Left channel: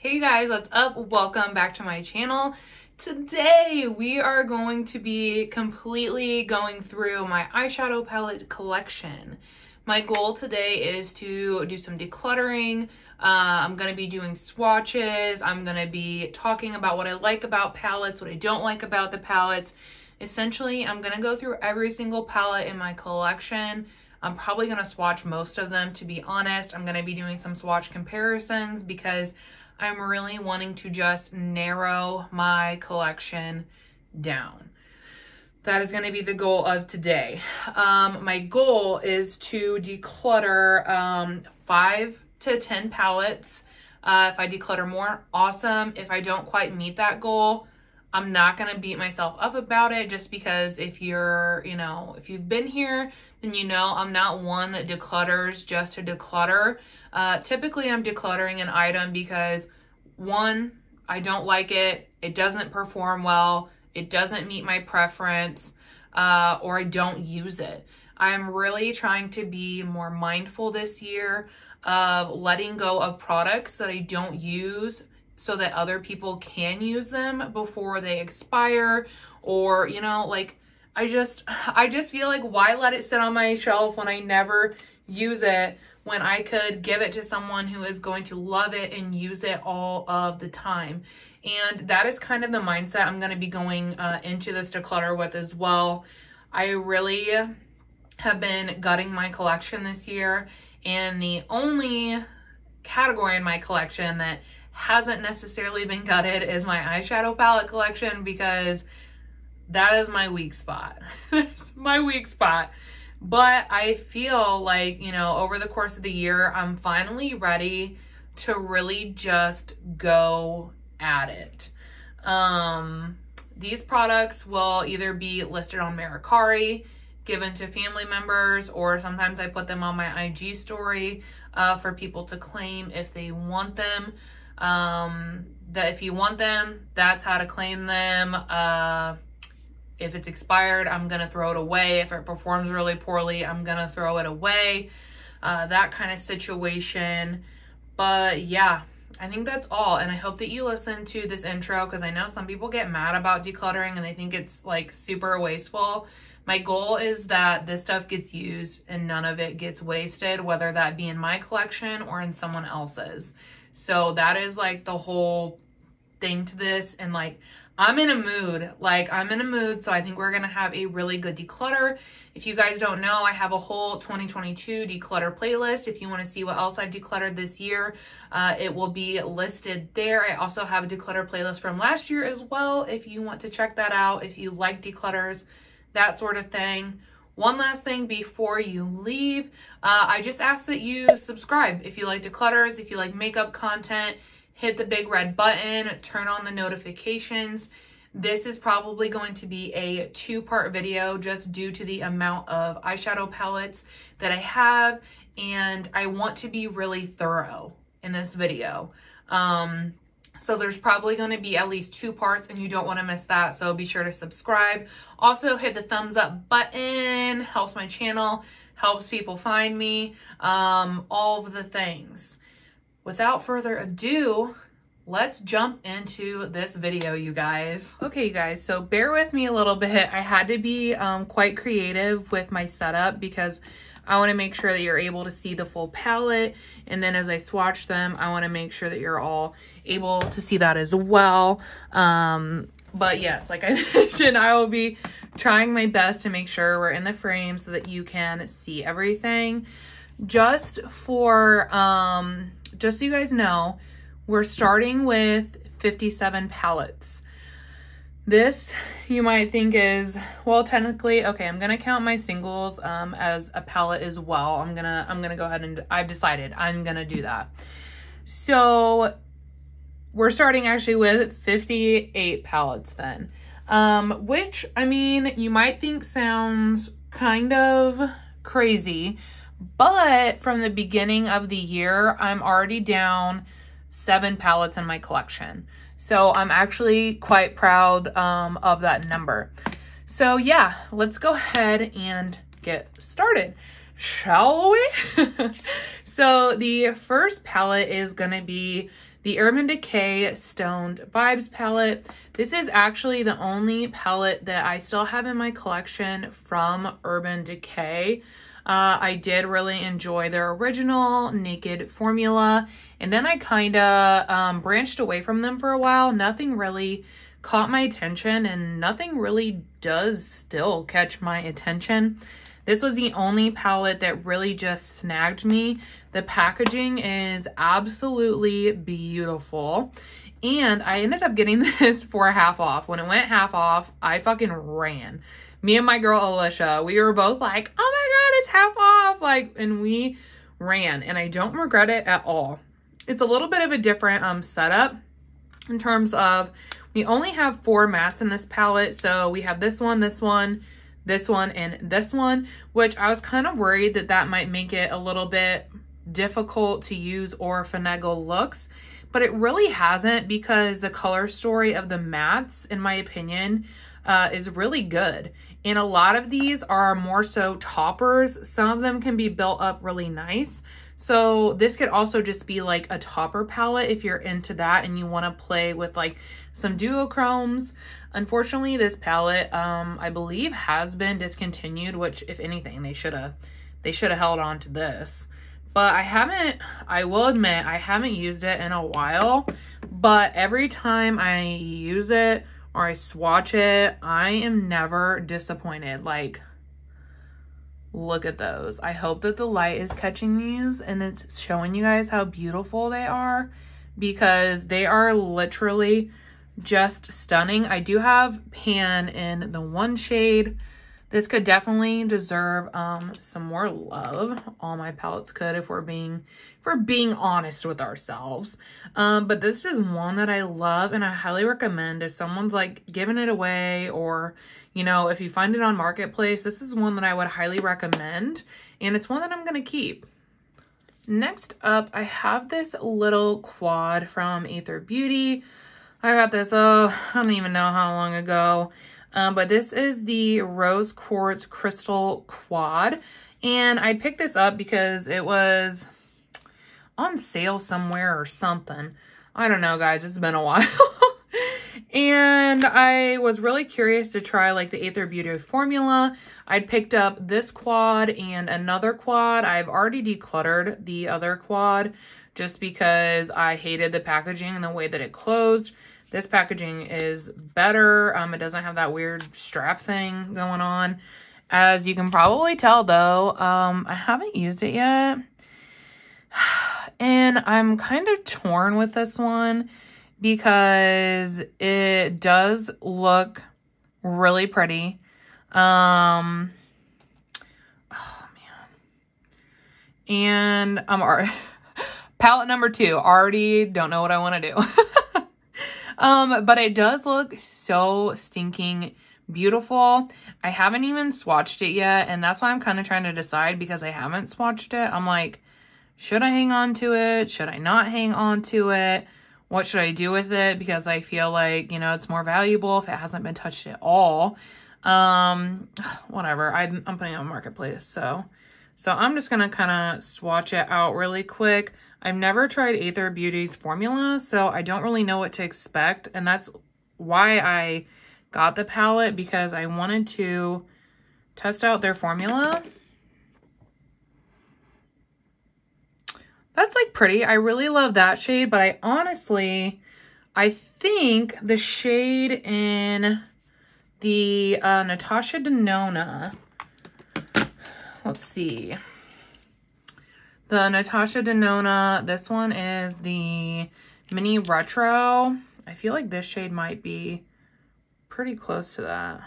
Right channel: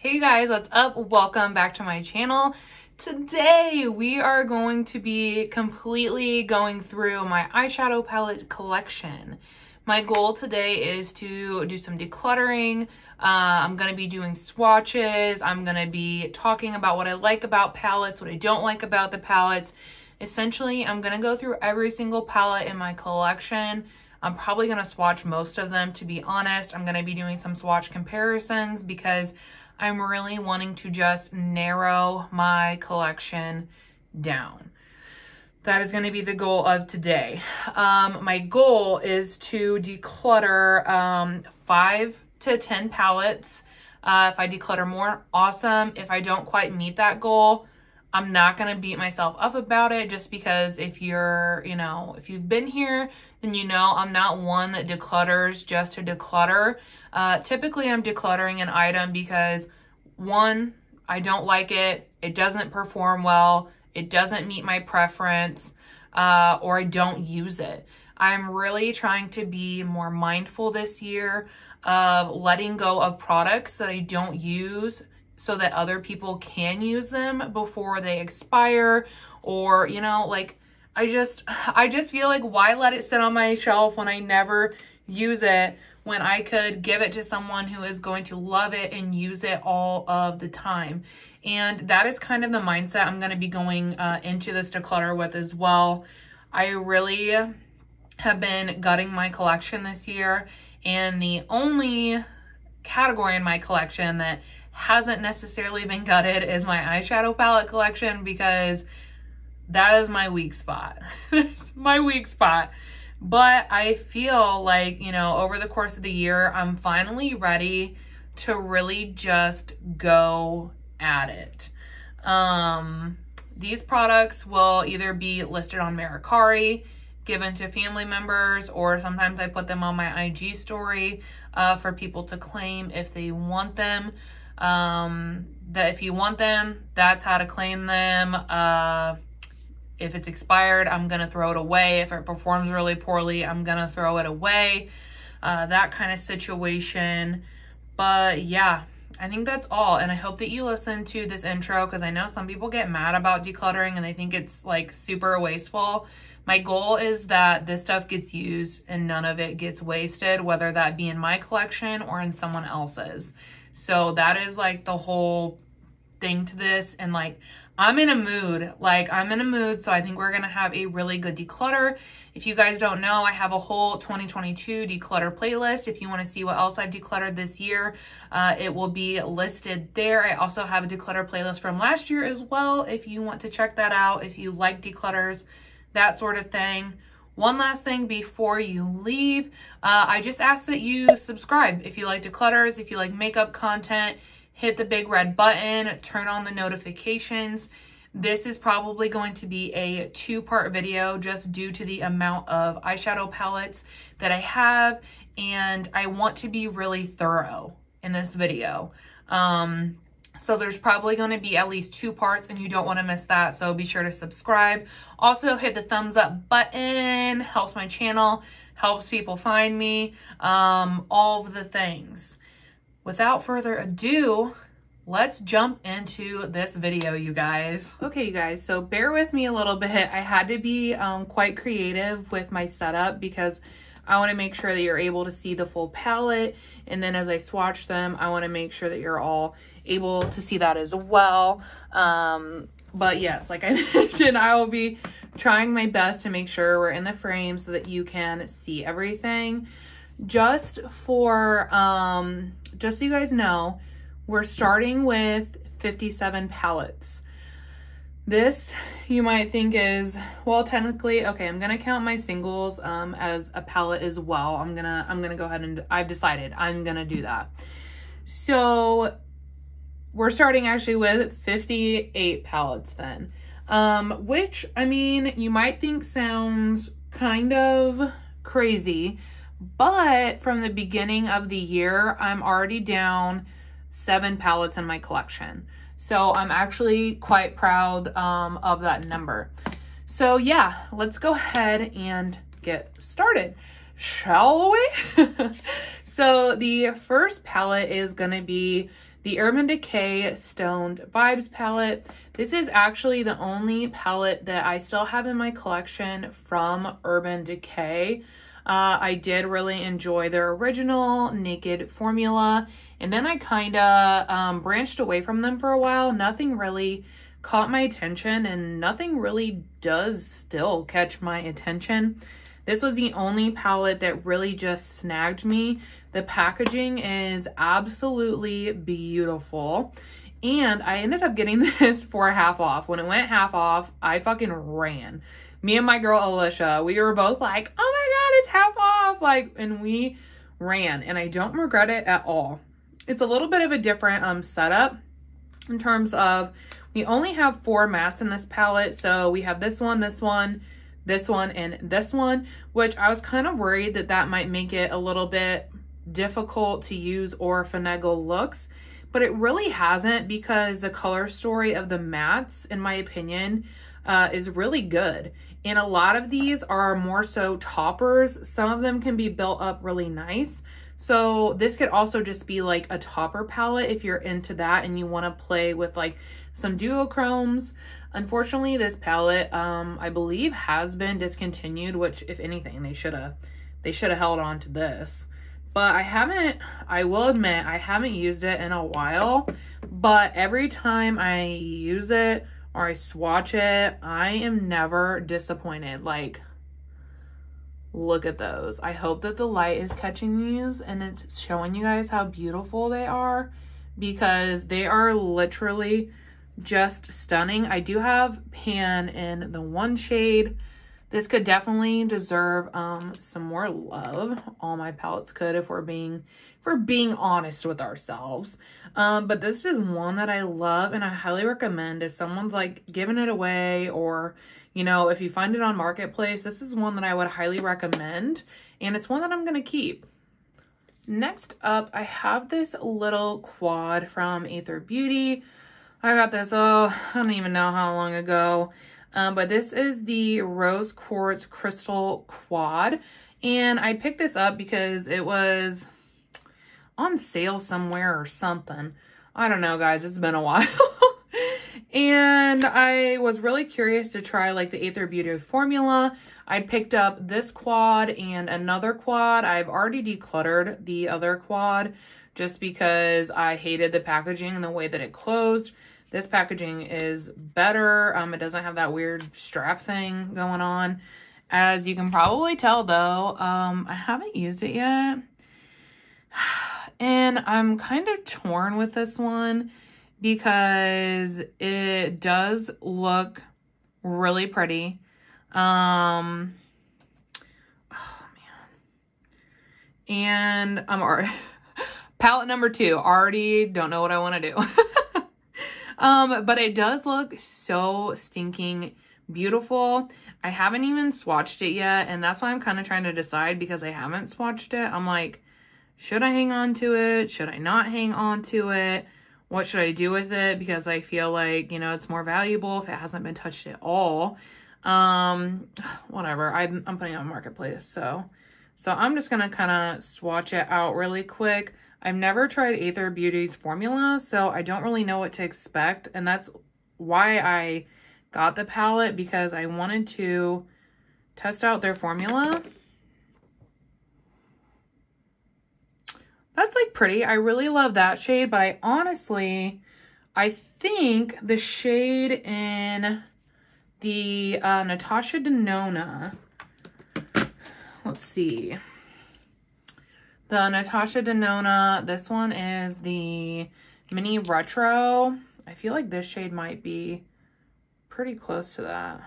Hey guys, what's up? Welcome back to my channel. Today we are going to be completely going through my eyeshadow palette collection. My goal today is to do some decluttering. I'm going to be doing swatches. I'm going to be talking about what I like about palettes, what I don't like about the palettes. Essentially, I'm going to go through every single palette in my collection. I'm probably going to swatch most of them, to be honest. I'm going to be doing some swatch comparisons because I'm really wanting to just narrow my collection down. That is going to be the goal of today. My goal is to declutter 5 to 10 palettes. If I declutter more, awesome. If I don't quite meet that goal, I'm not going to beat myself up about it, just because if you're, if you've been here, then I'm not one that declutters just to declutter. Typically I'm decluttering an item because one, I don't like it, it doesn't perform well, it doesn't meet my preference, or I don't use it. I'm really trying to be more mindful this year of letting go of products that I don't use so that other people can use them before they expire, or, I just feel like, why let it sit on my shelf when I never use it, when I could give it to someone who is going to love it and use it all of the time. And that is kind of the mindset I'm going to be going into this declutter with as well. I really have been gutting my collection this year, and the only category in my collection that hasn't necessarily been gutted is my eyeshadow palette collection, because that is my weak spot. It's my weak spot. But I feel like, over the course of the year, I'm finally ready to really just go at it. These products will either be listed on Mercari, given to family members, or sometimes I put them on my IG story for people to claim if they want them. That if you want them, that's how to claim them. If it's expired, I'm going to throw it away. If it performs really poorly, I'm going to throw it away. That kind of situation. But yeah, I think that's all. And I hope that you listen to this intro, because I know some people get mad about decluttering and they think it's like super wasteful. My goal is that this stuff gets used and none of it gets wasted, whether that be in my collection or in someone else's. So that is like the whole thing to this. And like, I'm in a mood, so I think we're gonna have a really good declutter. If you guys don't know, I have a whole 2022 declutter playlist. If you wanna see what else I've decluttered this year, it will be listed there. I also have a declutter playlist from last year as well, if you want to check that out, if you like declutters, that sort of thing. One last thing before you leave, I just ask that you subscribe if you like declutters, if you like makeup content. Hit the big red button, turn on the notifications. This is probably going to be a 2-part video just due to the amount of eyeshadow palettes that I have, and I want to be really thorough in this video. So there's probably going to be at least 2 parts, and you don't want to miss that, so be sure to subscribe. Also, hit the thumbs up button, helps my channel, helps people find me, all of the things. Without further ado, let's jump into this video, you guys. Okay, you guys, so bear with me a little bit. I had to be quite creative with my setup because I want to make sure that you're able to see the full palette. And then as I swatch them, I want to make sure that you're all able to see that as well. But yes, like I mentioned, I will be trying my best to make sure we're in the frame so that you can see everything. Just for, just so you guys know, we're starting with 57 palettes. This, you might think is, well, technically, okay, I'm gonna count my singles as a palette as well. I'm gonna go ahead and, I've decided I'm gonna do that. So we're starting actually with 58 palettes then, which, I mean, you might think sounds kind of crazy, but from the beginning of the year, I'm already down 7 palettes in my collection. So I'm actually quite proud of that number. So yeah, let's go ahead and get started, shall we? So the first palette is gonna be the Urban Decay Stoned Vibes palette. This is actually the only palette that I still have in my collection from Urban Decay. I did really enjoy their original Naked formula, and then I kind of branched away from them for a while. Nothing really caught my attention, and nothing really does still catch my attention. This was the only palette that really just snagged me. The packaging is absolutely beautiful. And I ended up getting this for half off. When it went half off, I fucking ran. Me and my girl Alicia, we were both like, oh my God, it's half off. Like, and we ran, and I don't regret it at all. It's a little bit of a different setup in terms of, we only have 4 mattes in this palette. So we have this one, this one, this one, and this one, which I was kind of worried that that might make it a little bit difficult to use or finagle looks, but it really hasn't, because the color story of the mattes, in my opinion, is really good. And a lot of these are more so toppers. Some of them can be built up really nice. So this could also just be like a topper palette if you're into that and you want to play with like some duochromes. Unfortunately, this palette, I believe, has been discontinued, which, if anything, they should have held on to this. But I will admit, I haven't used it in a while, but every time I use it or I swatch it, I am never disappointed. Like, look at those. I hope that the light is catching these and it's showing you guys how beautiful they are, because they are literally just stunning. I do have pan in the 1 shade. This could definitely deserve some more love. All my palettes could, if we're being honest with ourselves. But this is one that I love, and I highly recommend if someone's like giving it away, or you know, if you find it on Marketplace, this is one that I would highly recommend, and it's one that I'm gonna keep. Next up, I have this little quad from Aether Beauty. I got this, I don't even know how long ago. But this is the Rose Quartz Crystal Quad. And I picked this up because it was on sale somewhere or something. I don't know, guys. It's been a while. And I was really curious to try like the Aether Beauty formula. I picked up this quad and another quad. I've already decluttered the other quad just because I hated the packaging and the way that it closed. This packaging is better. It doesn't have that weird strap thing going on. As you can probably tell though, I haven't used it yet. And I'm kind of torn with this one because it does look really pretty. Oh man. And I'm already, palette number 2, already don't know what I want to do. But it does look so stinking beautiful. I haven't even swatched it yet, and that's why I'm kind of trying to decide, because I haven't swatched it. I'm like, should I hang on to it? Should I not hang on to it? What should I do with it? Because I feel like, you know, it's more valuable if it hasn't been touched at all. Whatever. I'm putting it on Marketplace, so I'm just gonna kind of swatch it out really quick. I've never tried Aether Beauty's formula, so I don't really know what to expect, and that's why I got the palette, because I wanted to test out their formula. That's like pretty. I really love that shade, but I think the shade in the Natasha Denona, let's see. The Natasha Denona, this one is the Mini Retro. I feel like this shade might be pretty close to that.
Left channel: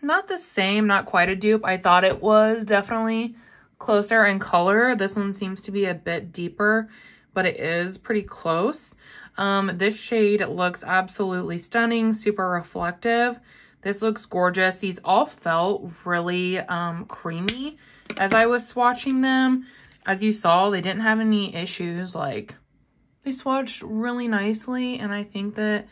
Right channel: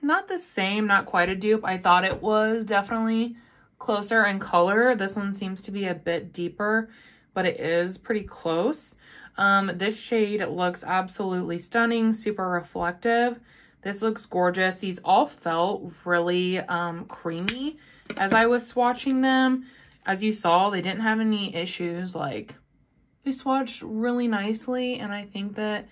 Not the same, not quite a dupe. I thought it was definitely closer in color. This one seems to be a bit deeper, but it is pretty close. This shade looks absolutely stunning, super reflective. This looks gorgeous. These all felt really creamy as I was swatching them. As you saw, they didn't have any issues. Like, they swatched really nicely, and I think that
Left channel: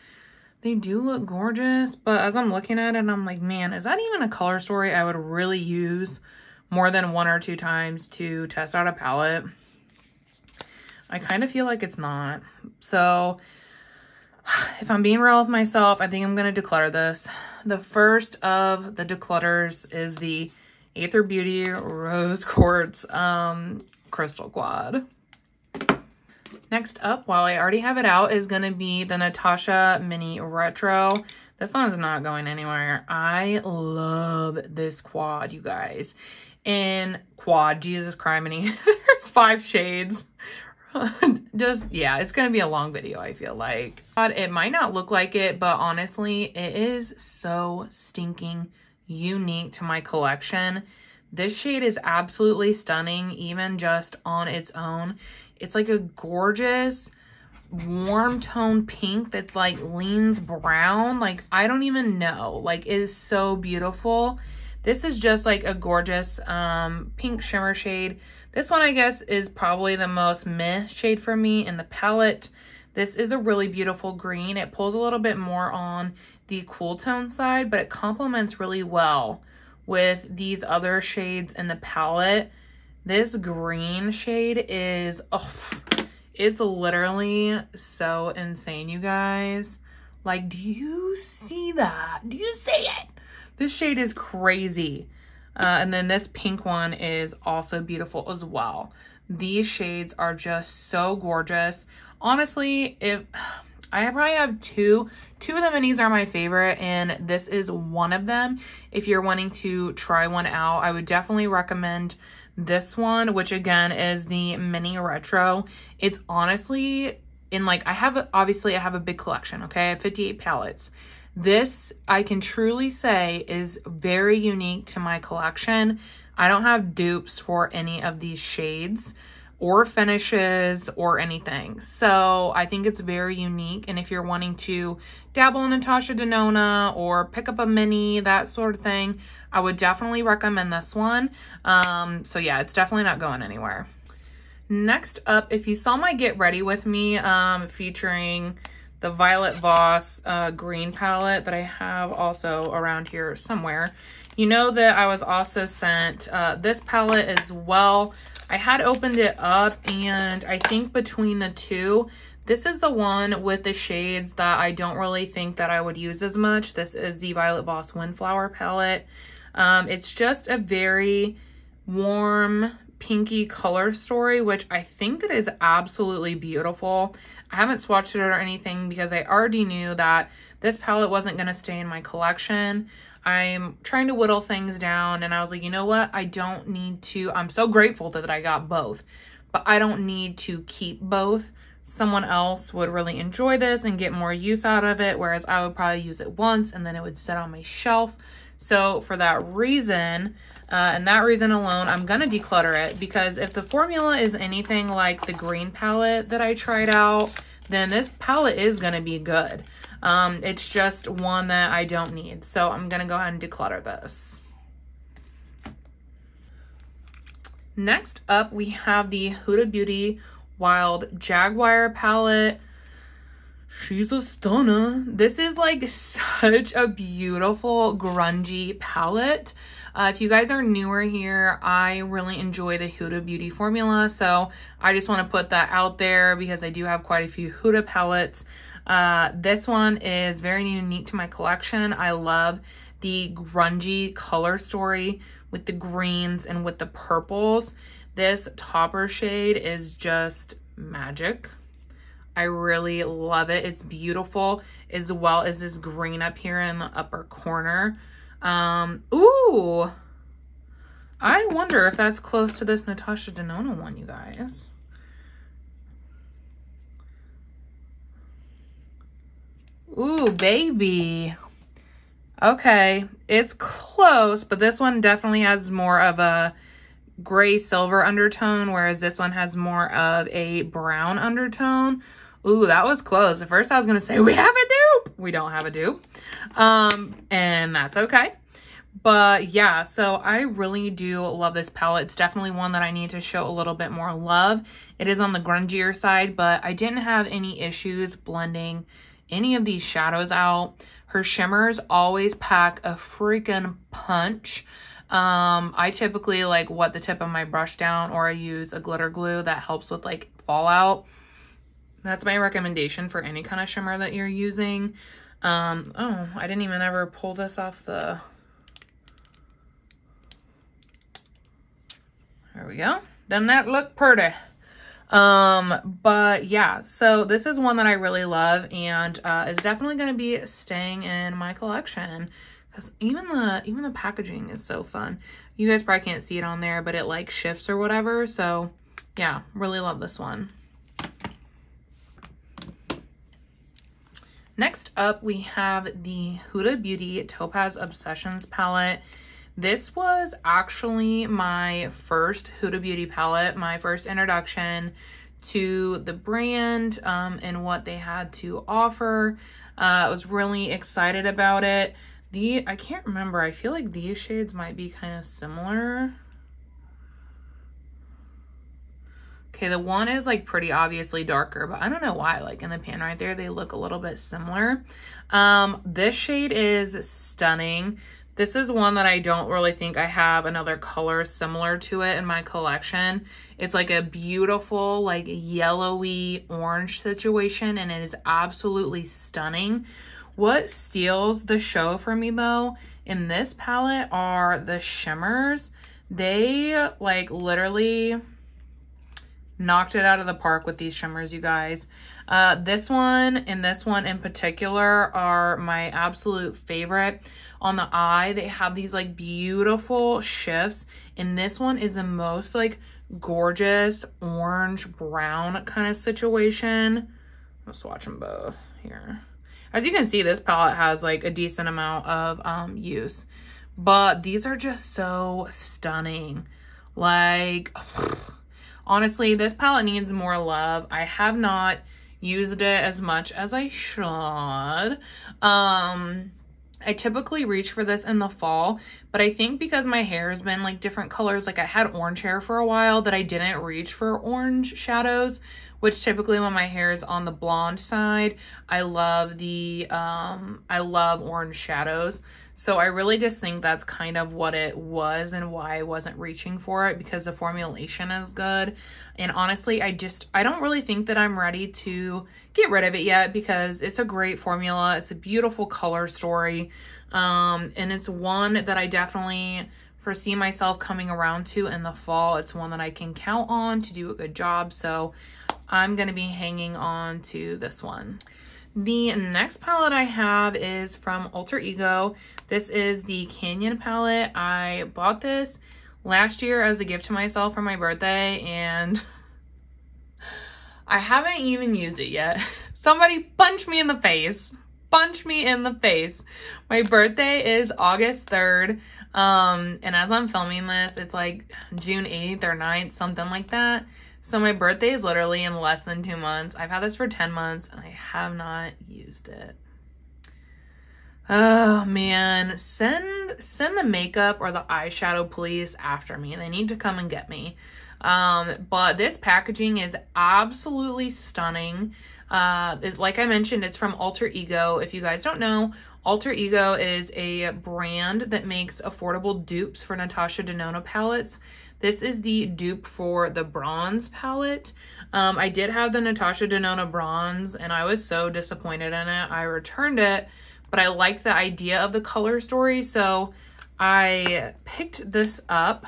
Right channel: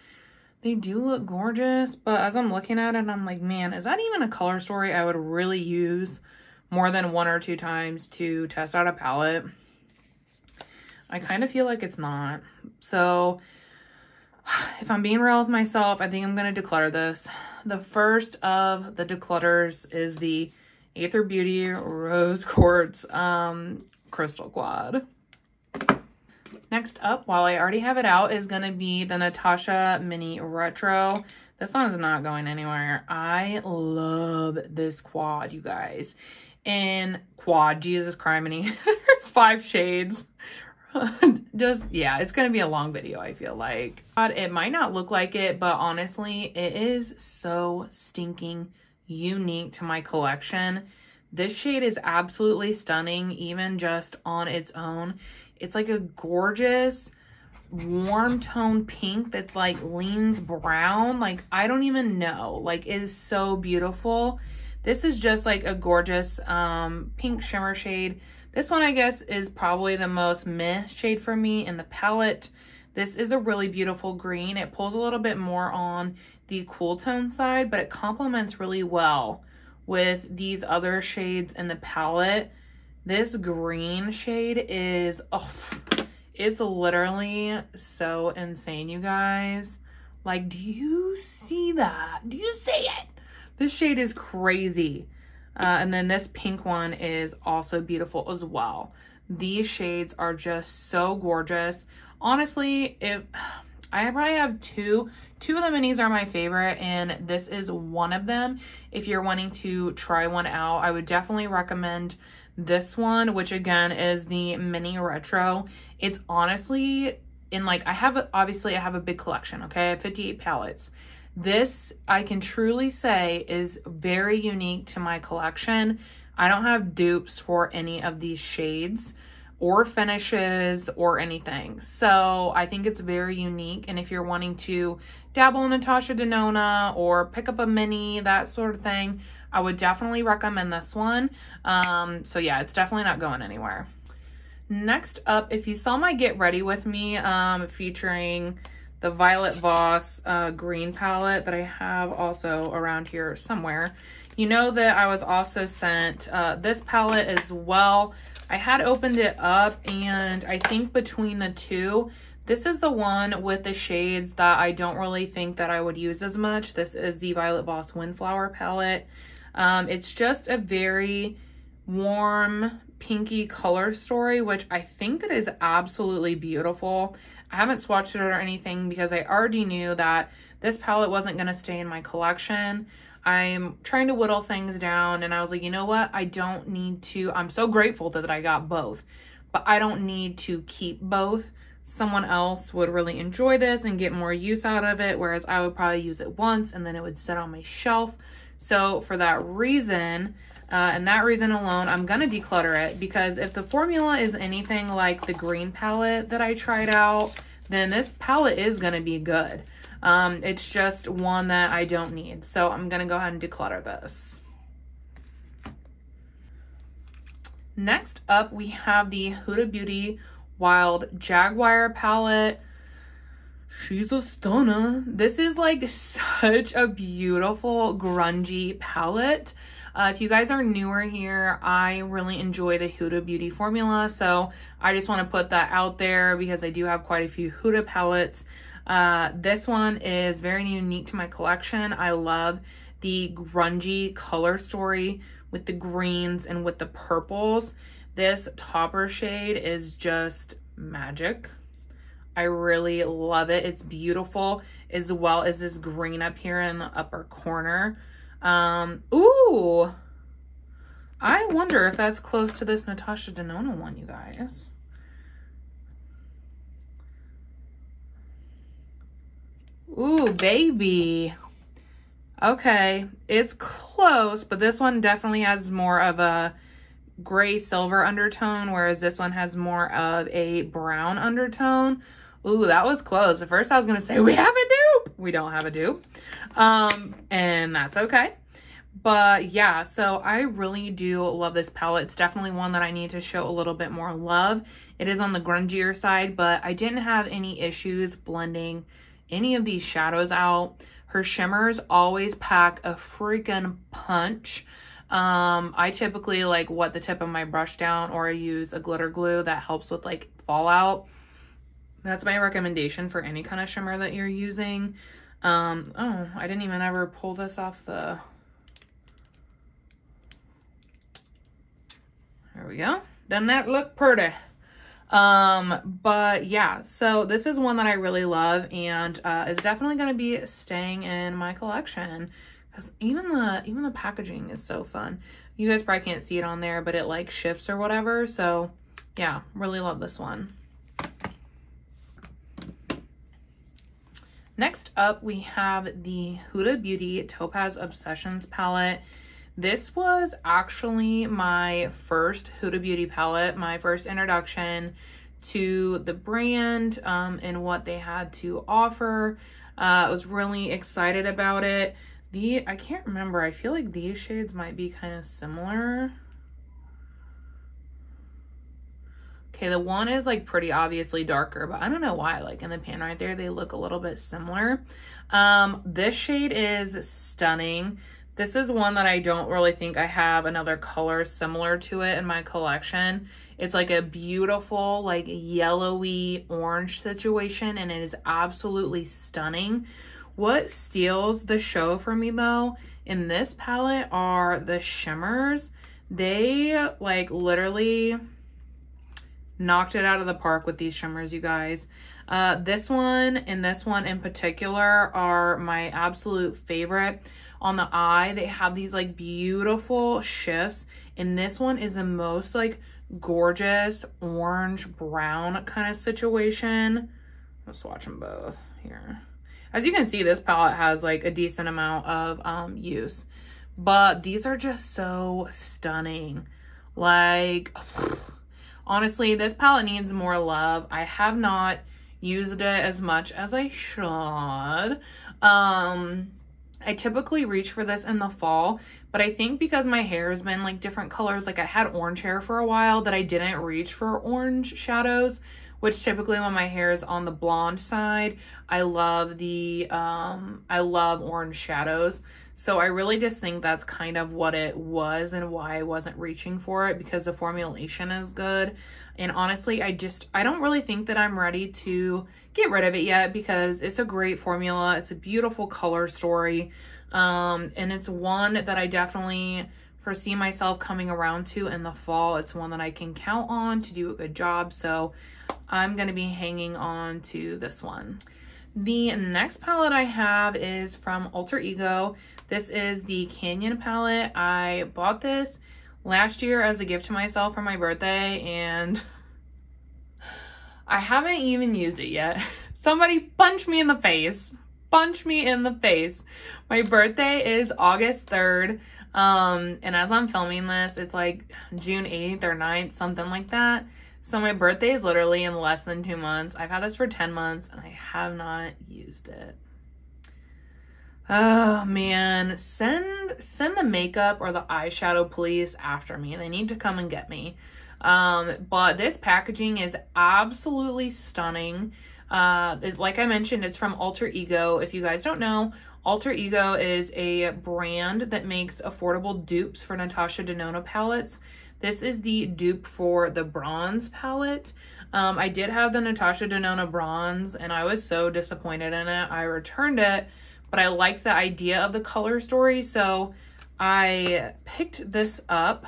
they do look gorgeous. But as I'm looking at it, I'm like, man, is that even a color story I would really use more than 1 or 2 times to test out a palette? I kind of feel like it's not. So if I'm being real with myself, I think I'm going to declutter this. The first of the declutters is the Aether Beauty Rose Quartz Crystal Quad. Next up, while I already have it out, is going to be the Natasha Mini Retro. This one is not going anywhere. I love this quad, you guys. And quad, Jesus criminy. There's 5 shades. Just, yeah, it's going to be a long video, I feel like. It might not look like it, but honestly, it is so stinking unique to my collection. This shade is absolutely stunning, even just on its own. It's like a gorgeous warm tone pink that's like leans brown. Like, I don't even know. Like, it is so beautiful. This is just like a gorgeous pink shimmer shade. This one, I guess, is probably the most meh shade for me in the palette. This is a really beautiful green. It pulls a little bit more on the cool tone side, but it complements really well with these other shades in the palette. This green shade is, oh, it's literally so insane, you guys. Like, do you see that? Do you see it? This shade is crazy. And then this pink one is also beautiful as well. These shades are just so gorgeous. Honestly, if I probably have two of the minis are my favorite, and this is one of them. If you're wanting to try one out, I would definitely recommend this one, which again is the Mini Retro. It's honestly in like, obviously I have a big collection, okay? I have 58 palettes. This, I can truly say, is very unique to my collection. I don't have dupes for any of these shades or finishes or anything. So I think it's very unique. And if you're wanting to dabble in Natasha Denona or pick up a mini, that sort of thing, I would definitely recommend this one. So yeah, it's definitely not going anywhere. Next up, if you saw my Get Ready With Me featuring the Violet Voss green palette that I have also around here somewhere, you know that I was also sent this palette as well. I had opened it up, and I think between the two, this is the one with the shades that I don't really think that I would use as much. This is the Violet Voss Windflower palette. It's just a very warm, pinky color story, which I think that is absolutely beautiful. I haven't swatched it or anything because I already knew that this palette wasn't going to stay in my collection. I'm trying to whittle things down, and I was like, you know what? I don't need to. I'm so grateful that I got both, but I don't need to keep both. Someone else would really enjoy this and get more use out of it, whereas I would probably use it once and then it would sit on my shelf. So for that reason, and that reason alone, I'm gonna declutter it, because if the formula is anything like the green palette that I tried out, then this palette is gonna be good. It's just one that I don't need. So I'm gonna go ahead and declutter this. Next up, we have the Huda Beauty Wild Jaguar palette. She's a stunner. This is like such a beautiful grungy palette. If you guys are newer here, I really enjoy the Huda Beauty formula, so I just want to put that out there because I do have quite a few Huda palettes. This one is very unique to my collection. I love the grungy color story with the greens and with the purples. This topper shade is just magic. I really love it. It's beautiful, as well as this green up here in the upper corner. Ooh, I wonder if that's close to this Natasha Denona one, you guys. Ooh, baby. Okay, it's close, but this one definitely has more of a gray silver undertone, whereas this one has more of a brown undertone. Ooh, that was close. At first I was gonna say we have a dupe. We don't have a dupe. And that's okay. But yeah, so I really do love this palette. It's definitely one that I need to show a little bit more love. It is on the grungier side, but I didn't have any issues blending any of these shadows out. Her shimmers always pack a freaking punch. I typically like wet the tip of my brush down, or I use a glitter glue that helps with like fallout. That's my recommendation for any kind of shimmer that you're using. Oh, I didn't even ever pull this off the... There we go. Doesn't that look pretty? But yeah, so this is one that I really love, and is definitely going to be staying in my collection, because even the packaging is so fun. You guys probably can't see it on there, but it like shifts or whatever. So yeah, really love this one. Next up, we have the Huda Beauty Topaz Obsessions palette. This was actually my first Huda Beauty palette, my first introduction to the brand and what they had to offer. I was really excited about it. I can't remember, I feel like these shades might be kind of similar. Okay, the one is like pretty obviously darker, but I don't know why, like in the pan right there, they look a little bit similar. This shade is stunning. This is one that I don't really think I have another color similar to it in my collection. It's like a beautiful, like yellowy orange situation, and it is absolutely stunning. What steals the show for me though in this palette are the shimmers. They like literally knocked it out of the park with these shimmers, you guys. This one and this one in particular are my absolute favorite. On the eye, they have these like beautiful shifts, and this one is the most like gorgeous orange brown kind of situation. I'll swatch them both here. As you can see, this palette has like a decent amount of use, but these are just so stunning. Like, honestly, this palette needs more love. I have not used it as much as I should. I typically reach for this in the fall, but I think because my hair has been like different colors, like I had orange hair for a while, that I didn't reach for orange shadows, which typically when my hair is on the blonde side, I love orange shadows. So I really just think that's kind of what it was and why I wasn't reaching for it, because the formulation is good. And honestly, I don't really think that I'm ready to get rid of it yet, because it's a great formula. It's a beautiful color story. And it's one that I definitely foresee myself coming around to in the fall. It's one that I can count on to do a good job. So I'm going to be hanging on to this one. The next palette I have is from Alter Ego. This is the Canyon palette. I bought this last year as a gift to myself for my birthday, and I haven't even used it yet. Somebody punch me in the face. Punch me in the face. My birthday is August 3rd. And as I'm filming this, it's like June 8th or 9th, something like that. So my birthday is literally in less than 2 months. I've had this for 10 months and I have not used it. Oh man, send the makeup or the eyeshadow please after me. They need to come and get me. But this packaging is absolutely stunning. Like I mentioned, it's from Alter Ego. If you guys don't know, Alter Ego is a brand that makes affordable dupes for Natasha Denona palettes. This is the dupe for the bronze palette. I did have the Natasha Denona bronze and I was so disappointed in it. I returned it, but I liked the idea of the color story, so I picked this up.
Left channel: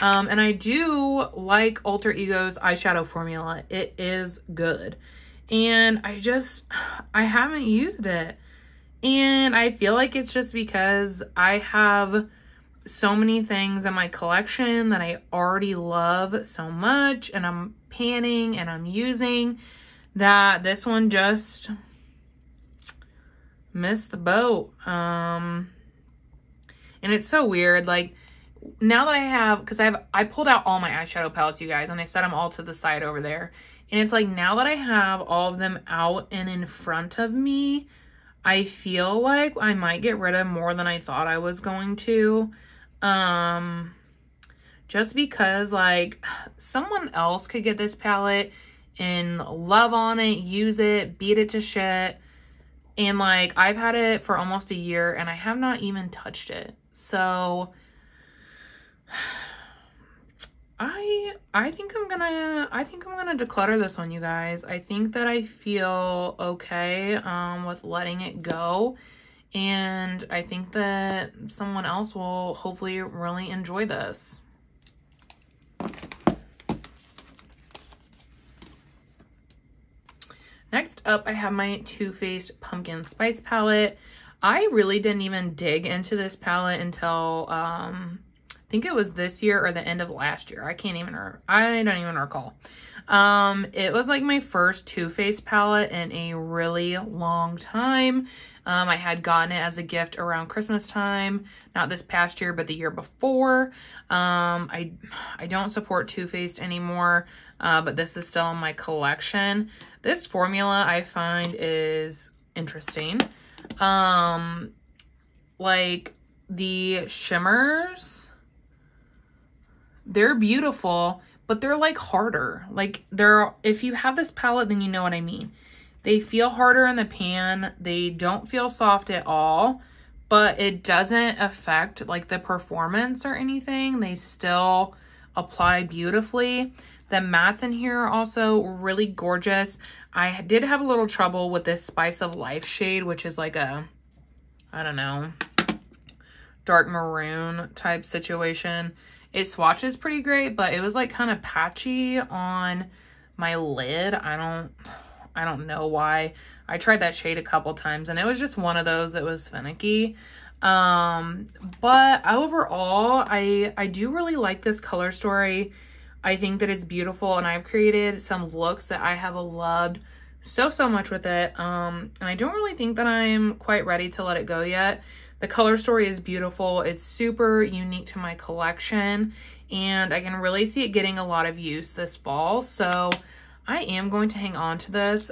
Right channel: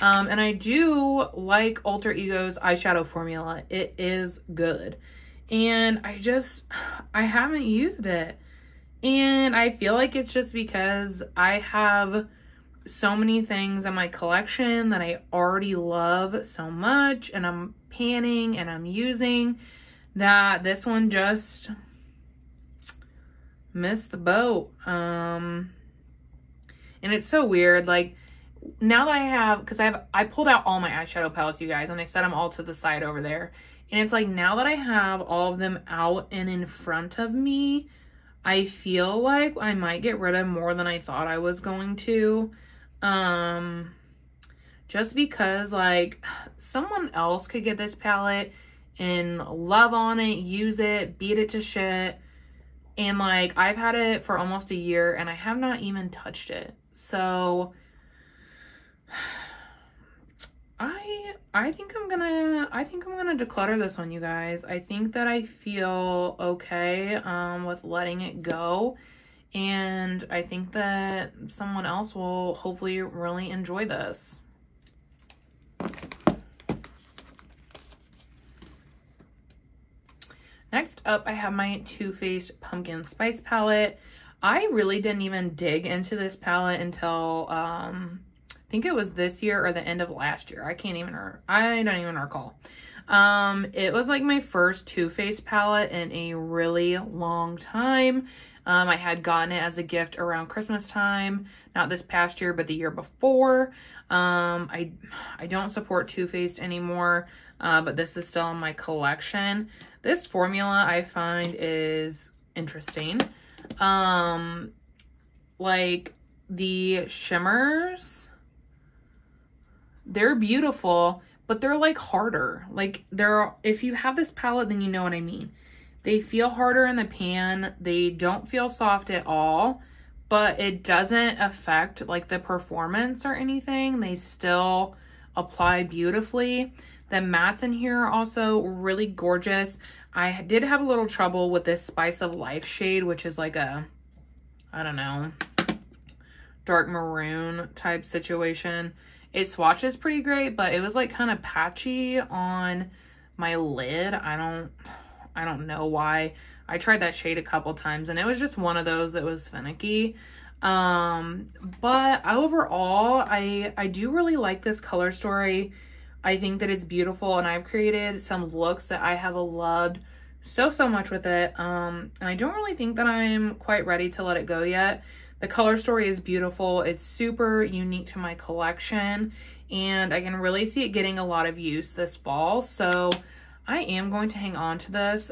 And I do like Alter Ego's eyeshadow formula. It is good. And I haven't used it. And I feel like it's just because I have so many things in my collection that I already love so much, and I'm panning and I'm using, that this one just missed the boat. And it's so weird, like now that I have, because I pulled out all my eyeshadow palettes, you guys, and I set them all to the side over there, and it's like now that I have all of them out and in front of me, I feel like I might get rid of more than I thought I was going to. Just because like someone else could get this palette and love on it, use it, beat it to shit, and like I've had it for almost a year and I have not even touched it. So I think I'm gonna declutter this one, you guys. I think that I feel okay with letting it go, and I think that someone else will hopefully really enjoy this. Next up, I have my Too Faced Pumpkin Spice palette. I really didn't even dig into this palette until I think it was this year or the end of last year. I don't even recall. It was like my first Too Faced palette in a really long time. I had gotten it as a gift around Christmas time, not this past year, but the year before. I don't support Too Faced anymore, but this is still in my collection. This formula I find is interesting. Like the shimmers, they're beautiful, but they're like harder. Like if you have this palette, then you know what I mean. They feel harder in the pan. They don't feel soft at all, but it doesn't affect like the performance or anything. They still apply beautifully. The mattes in here are also really gorgeous. I did have a little trouble with this Spice of Life shade, which is like a, I don't know, dark maroon type situation. It swatches pretty great, but it was like kind of patchy on my lid. I don't know why. I tried that shade a couple times and it was just one of those that was finicky. But overall, I do really like this color story. I think that it's beautiful, and I've created some looks that I have loved so much with it. And I don't really think that I'm quite ready to let it go yet. The color story is beautiful. It's super unique to my collection, and I can really see it getting a lot of use this fall. So I am going to hang on to this.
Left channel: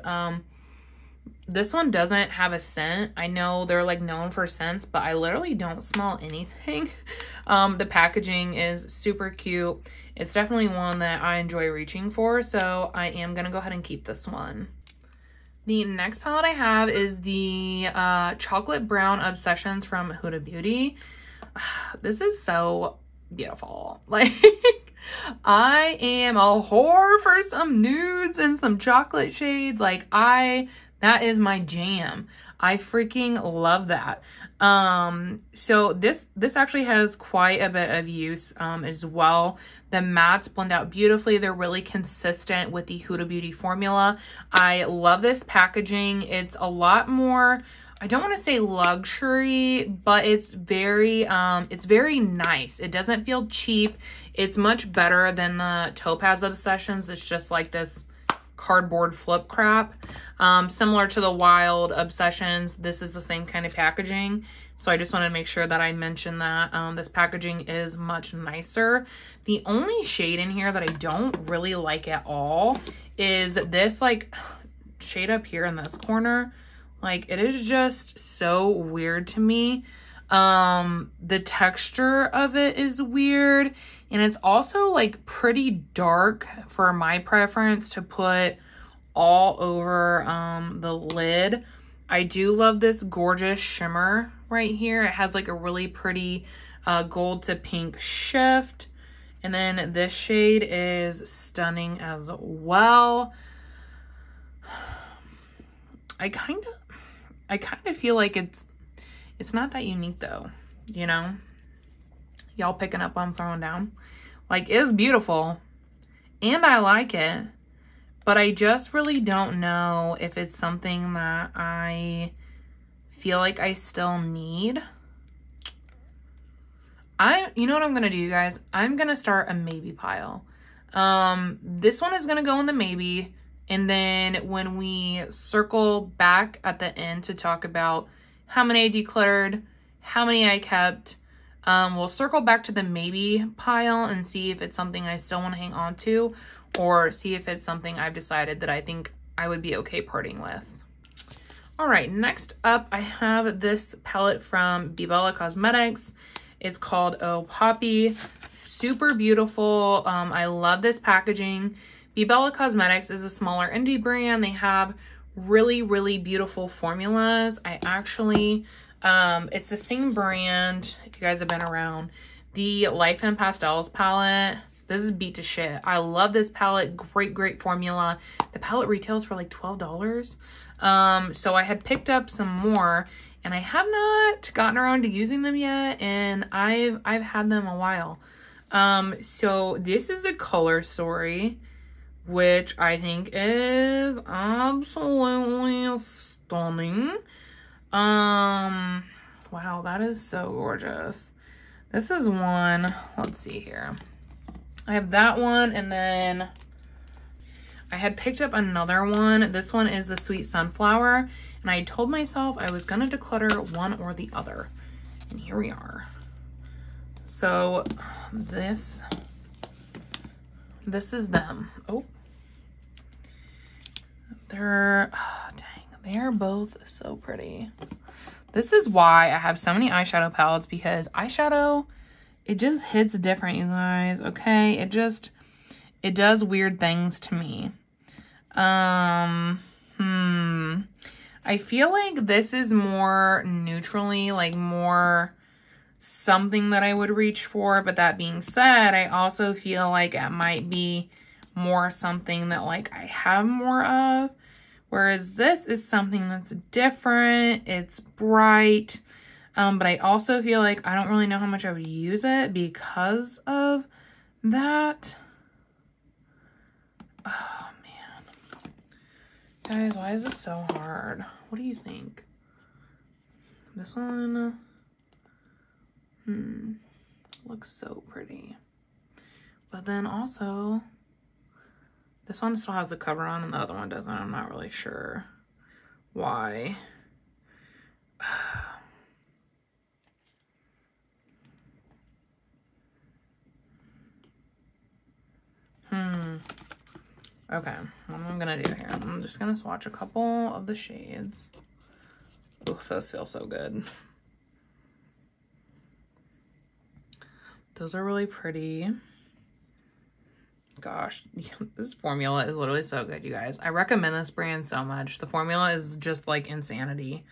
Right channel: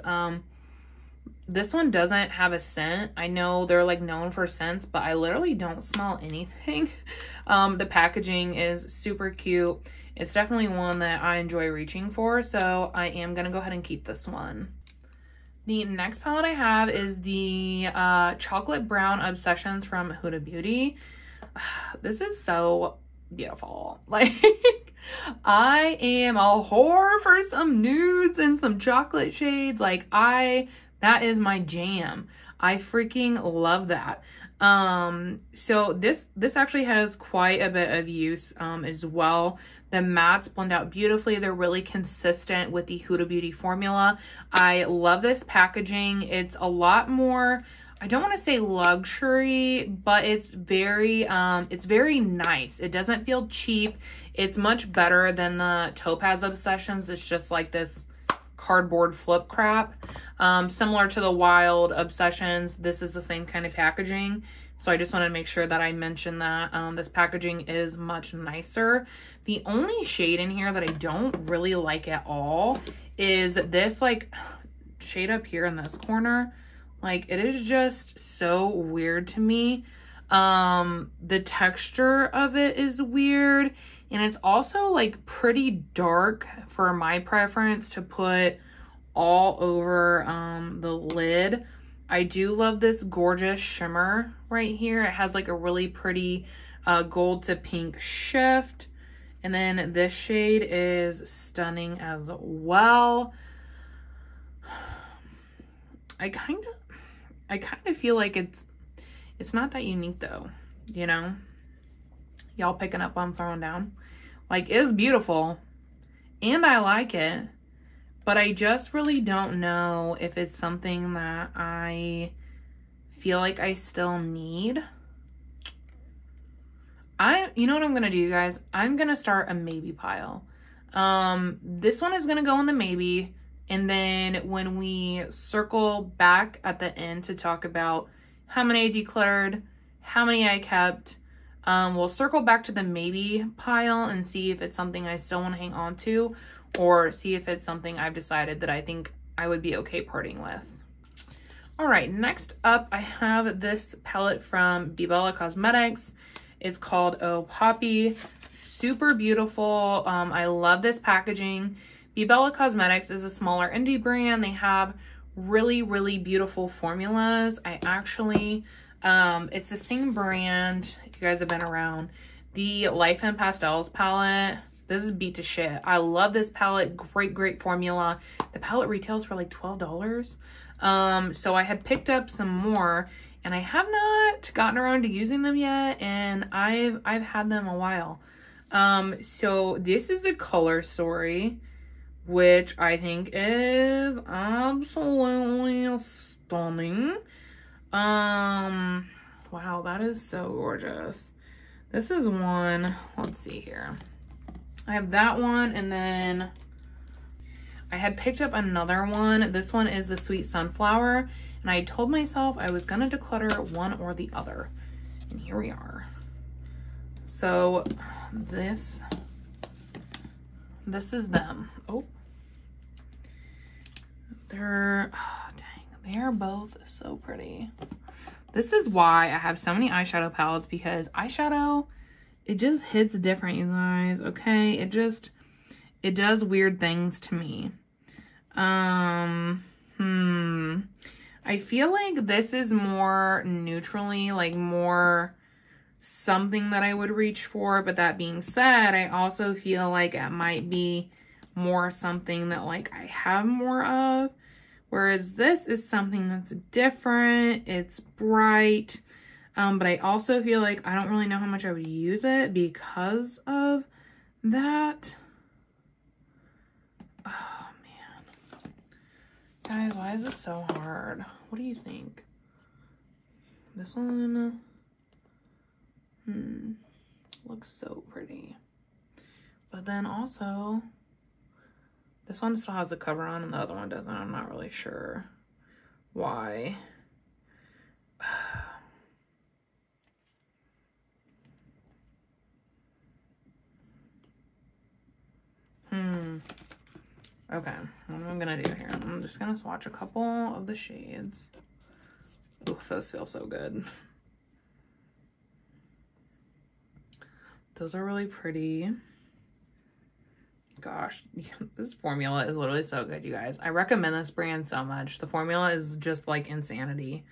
This one doesn't have a scent. I know they're like known for scents, but I literally don't smell anything. The packaging is super cute. It's definitely one that I enjoy reaching for, so I am gonna go ahead and keep this one. The next palette I have is the Chocolate Brown Obsessions from Huda Beauty. This is so beautiful. Like, I am a whore for some nudes and some chocolate shades. Like, that is my jam. I freaking love that. So this actually has quite a bit of use as well. The mattes blend out beautifully. They're really consistent with the Huda Beauty formula. I love this packaging. It's a lot more, I don't want to say luxury, but it's very nice. It doesn't feel cheap. It's much better than the Topaz Obsessions. It's just like this cardboard flip crap. Similar to the Wild Obsessions, this is the same kind of packaging. So I just want to make sure that I mention that this packaging is much nicer. The only shade in here that I don't really like at all is this like shade up here in this corner. Like, it is just so weird to me. The texture of it is weird, and it's also like pretty dark for my preference to put all over the lid. I do love this gorgeous shimmer right here. It has like a really pretty gold to pink shift. And then this shade is stunning as well. I kind of feel like it's not that unique though, you know? Y'all picking up what I'm throwing down? Like, it's beautiful and I like it, but I just really don't know if it's something that I feel like I still need. You know what I'm gonna do, you guys? I'm gonna start a maybe pile. This one is gonna go in the maybe, and then when we circle back at the end to talk about how many I decluttered, how many I kept, we'll circle back to the maybe pile and see if it's something I still want to hang on to, or see if it's something I've decided that I think I would be okay parting with. All right, next up I have this palette from Bella Cosmetics. It's called Oh Poppy. Super beautiful. I love this packaging. Bella Cosmetics is a smaller indie brand. They have really beautiful formulas. I actually, it's the same brand, if you guys have been around. the Life in Pastels palette. This is beat to shit. I love this palette. Great formula. The palette retails for like $12. So I had picked up some more, and I have not gotten around to using them yet, and I've had them a while. So this is a color story, which I think is absolutely stunning. Wow, that is so gorgeous. This is one, let's see here. I have that one, and then I had picked up another one. This one is the Sweet Sunflower, and I told myself I was gonna declutter one or the other, and here we are. So this is them. Oh, they're, oh, dang, they're both so pretty. This is why I have so many eyeshadow palettes, because eyeshadow, it just hits different, you guys, okay? It does weird things to me. I feel like this is more neutrally, like more something that I would reach for, but that being said, I also feel like it might be more something that like I have more of. Whereas this is something that's different, it's bright, but I also feel like I don't really know how much I would use it because of that. Oh man. Guys, why is this so hard? What do you think? This one, looks so pretty. But then also, this one still has the cover on and the other one doesn't. I'm not really sure why. Okay, what am I gonna do here? I'm just gonna swatch a couple of the shades. Oh, those feel so good. Those are really pretty. Gosh, this formula is literally so good, you guys. I recommend this brand so much. The formula is just like insanity.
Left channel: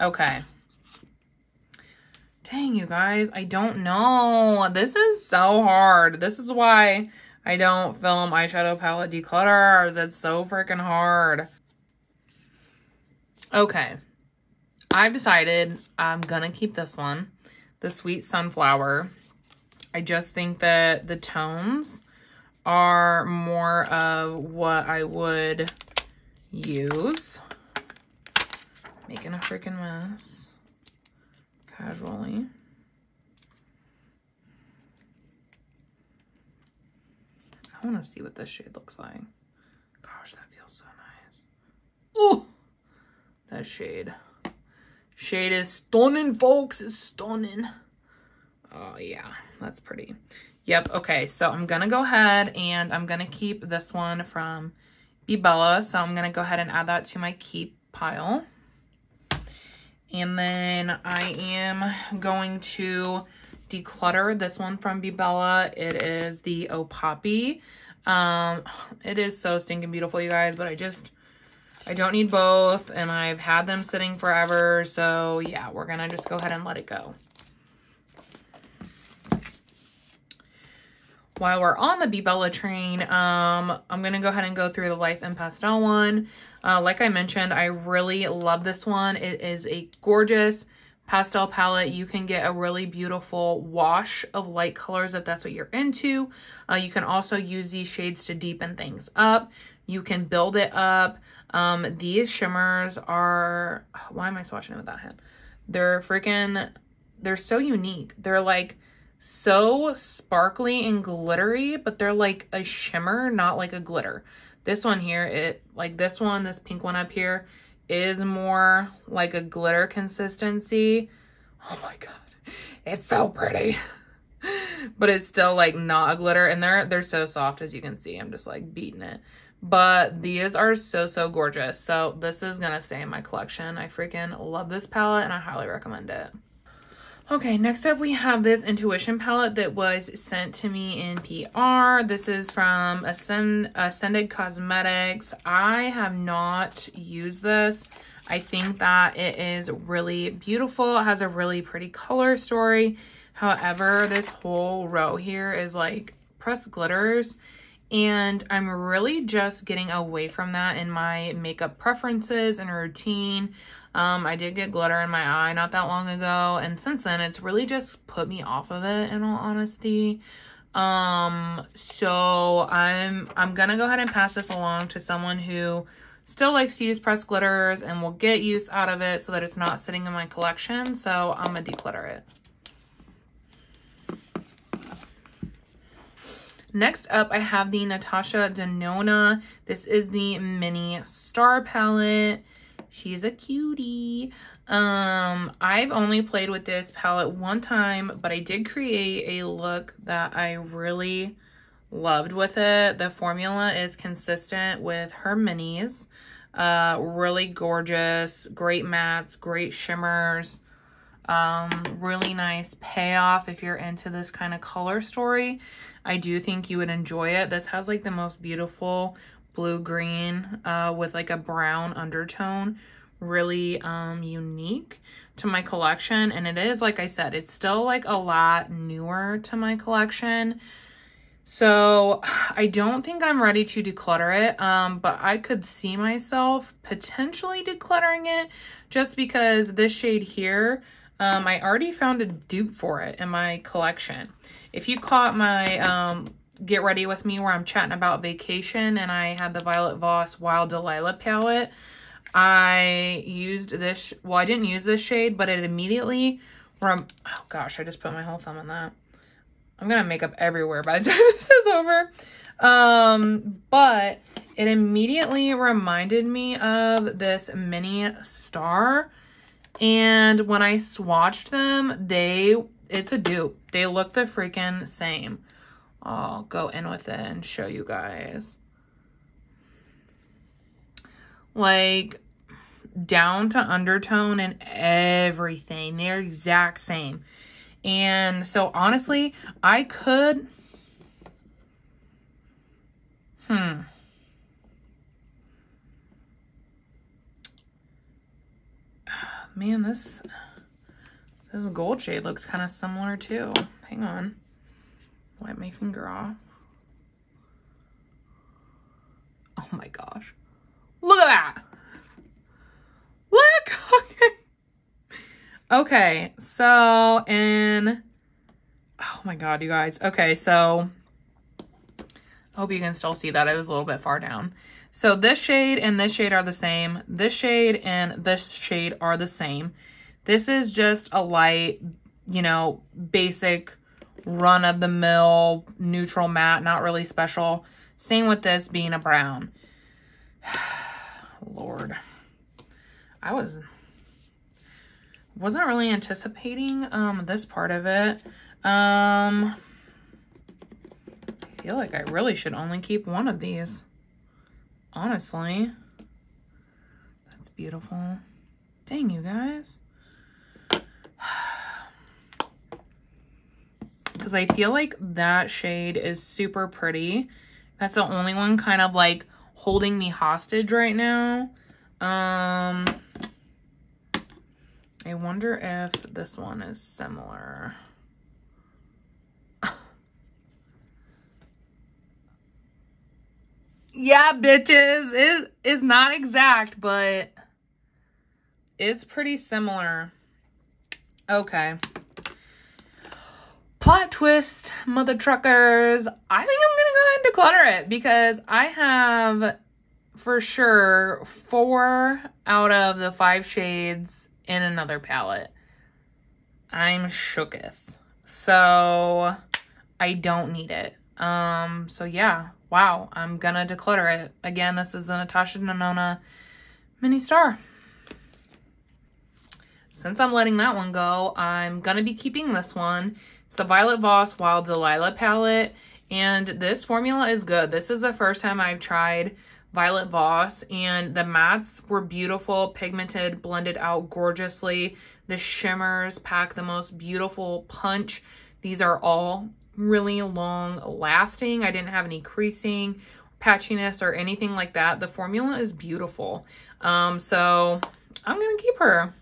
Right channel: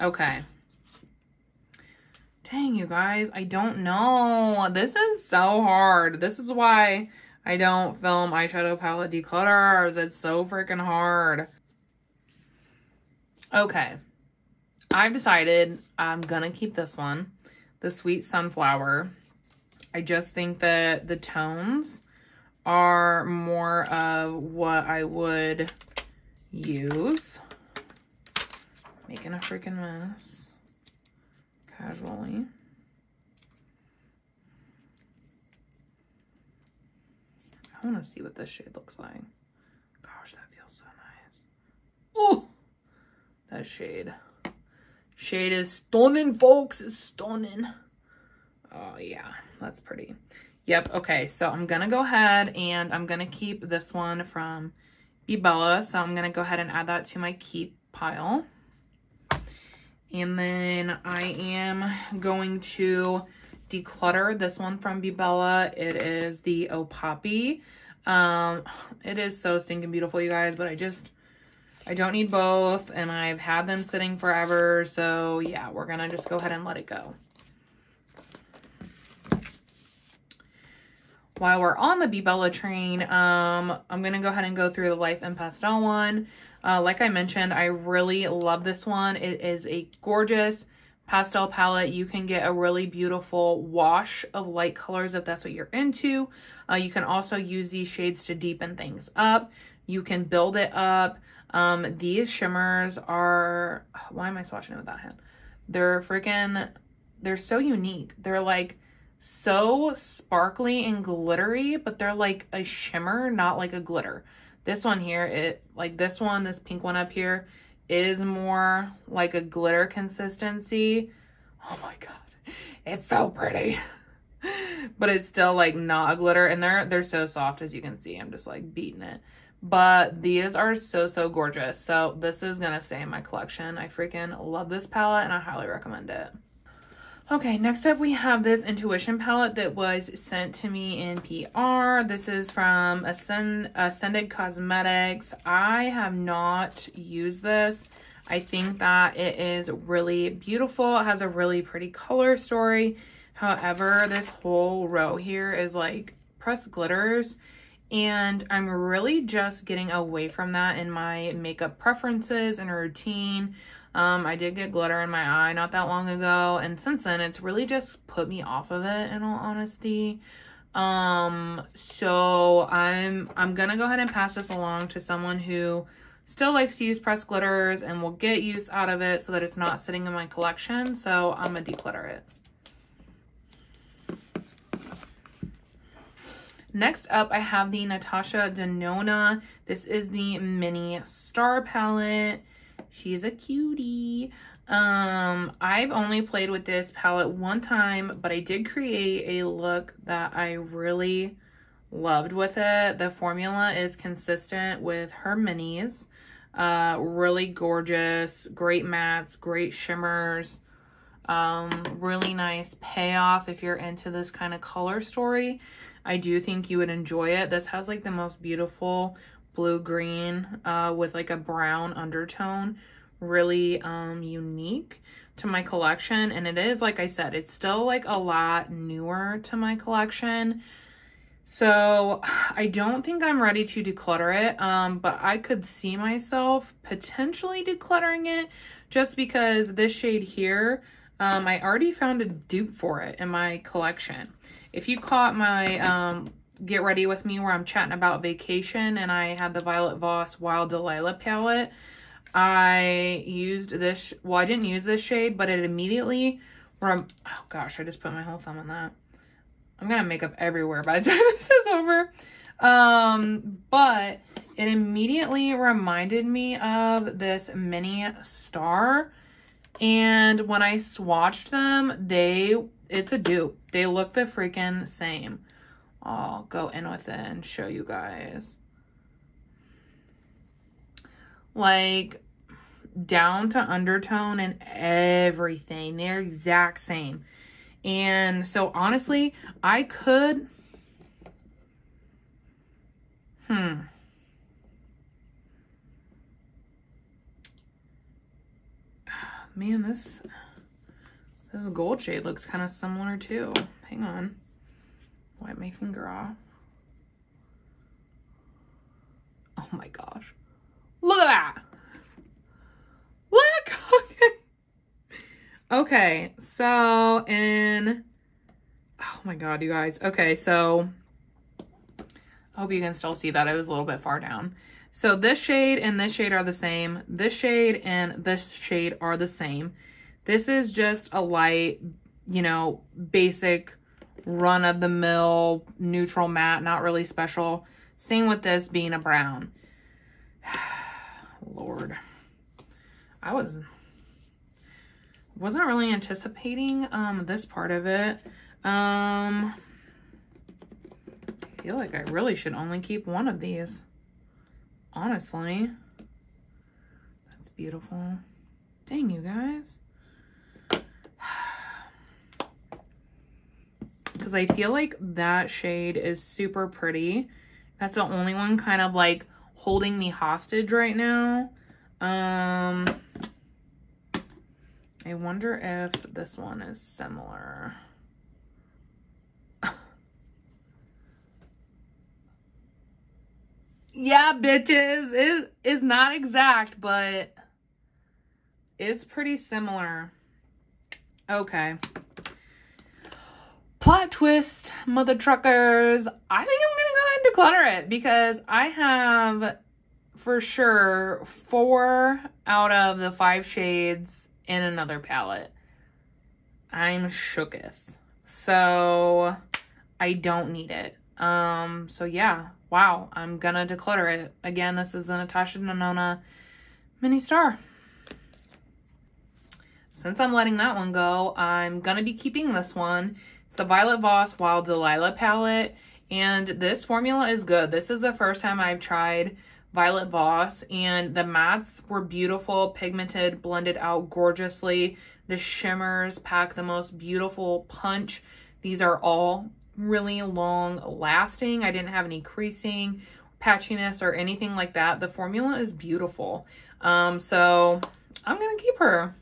Okay. Dang, you guys, I don't know. This is so hard. This is why I don't film eyeshadow palette declutters. It's so freaking hard. Okay. I've decided I'm gonna keep this one, the Sweet Sunflower. I just think that the tones are more of what I would use. Making a freaking mess. Casually. I want to see what this shade looks like. Gosh, that feels so nice. Ooh! That shade. Shade is stunning, folks. It's stunning. Oh, yeah. That's pretty. Yep. Okay. So I'm going to go ahead and I'm going to keep this one from Bella. So I'm going to go ahead and add that to my keep pile. And then I am going to declutter this one from Bella. It is the Oh Poppy. It is so stinking beautiful, you guys, but I don't need both, and I've had them sitting forever, so yeah, we're gonna just go ahead and let it go. While we're on the Bella train, I'm gonna go ahead and go through the Life in Pastel one. Like I mentioned, I really love this one. It is a gorgeous pastel palette. You can get a really beautiful wash of light colors if that's what you're into. You can also use these shades to deepen things up. You can build it up. These shimmers are, why am I swatching it with that hand? They're so unique. They're like so sparkly and glittery, but they're like a shimmer, not like a glitter. This one here, this pink one up here is more like a glitter consistency. Oh my God, it's so pretty. But it's still like not a glitter, and they're so soft, as you can see. I'm just like beating it. But these are so gorgeous. So this is gonna stay in my collection. I freaking love this palette and I highly recommend it. Okay, next up we have this Intuition palette that was sent to me in PR. This is from Ascended Cosmetics. I have not used this. I think that it is really beautiful. It has a really pretty color story. However, this whole row here is like pressed glitters, and I'm really just getting away from that in my makeup preferences and routine. I did get glitter in my eye not that long ago, and since then it's really just put me off of it, in all honesty. So I'm gonna go ahead and pass this along to someone who still likes to use pressed glitters and will get use out of it so that it's not sitting in my collection. So I'm gonna declutter it. Next up, I have the Natasha Denona. This is the Mini Star palette. She's a cutie. I've only played with this palette one time, but I did create a look that I really loved with it. The formula is consistent with her minis. Really gorgeous, great mattes, great shimmers. Really nice payoff if you're into this kind of color story. I do think you would enjoy it. This has like the most beautiful blue-green with like a brown undertone. Really unique to my collection, and it is, like I said, it's still like a lot newer to my collection. So I don't think I'm ready to declutter it, but I could see myself potentially decluttering it just because this shade here, I already found a dupe for it in my collection. If you caught my Get Ready With Me where I'm chatting about vacation and I had the Violet Voss Wild Delilah palette, I used this, well, I didn't use this shade, but it immediately, oh gosh, I just put my whole thumb on that. I'm gonna make up everywhere by the time this is over. But it immediately reminded me of this Mini Star. And when I swatched them, it's a dupe. They look the freaking same. I'll go in with it and show you guys. Like, down to undertone and everything. They're exact same. And so honestly, I could, man, this gold shade looks kind of similar too. Hang on. Wipe my finger off. Oh my gosh. Look at that. Look. Okay, so oh my god, you guys. Okay, so I hope you can still see that. I was a little bit far down. So this shade and this shade are the same. This shade and this shade are the same. This is just a light, you know, basic run-of-the-mill neutral matte, not really special. Same with this being a brown. Lord. I wasn't really anticipating this part of it. I feel like I really should only keep one of these. Honestly. That's beautiful. Dang, you guys. Because I feel like that shade is super pretty. That's the only one kind of like holding me hostage right now. I wonder if this one is similar. Yeah, bitches. It is not exact, but it's pretty similar. Okay. Plot twist, mother truckers. I think I'm gonna go ahead and declutter it because I have for sure 4 out of the 5 shades in another palette. I'm shooketh. So I don't need it. So yeah, wow, I'm gonna declutter it. Again, this is the Natasha Denona Mini Star. Since I'm letting that one go, I'm gonna be keeping this one. It's the Violet Voss Wild Delilah palette, and this formula is good. This is the first time I've tried Violet Voss, and the mattes were beautiful, pigmented, blended out gorgeously. The shimmers pack the most beautiful punch. These are all really long lasting. I didn't have any creasing, patchiness, or anything like that. The formula is beautiful. So I'm gonna keep her.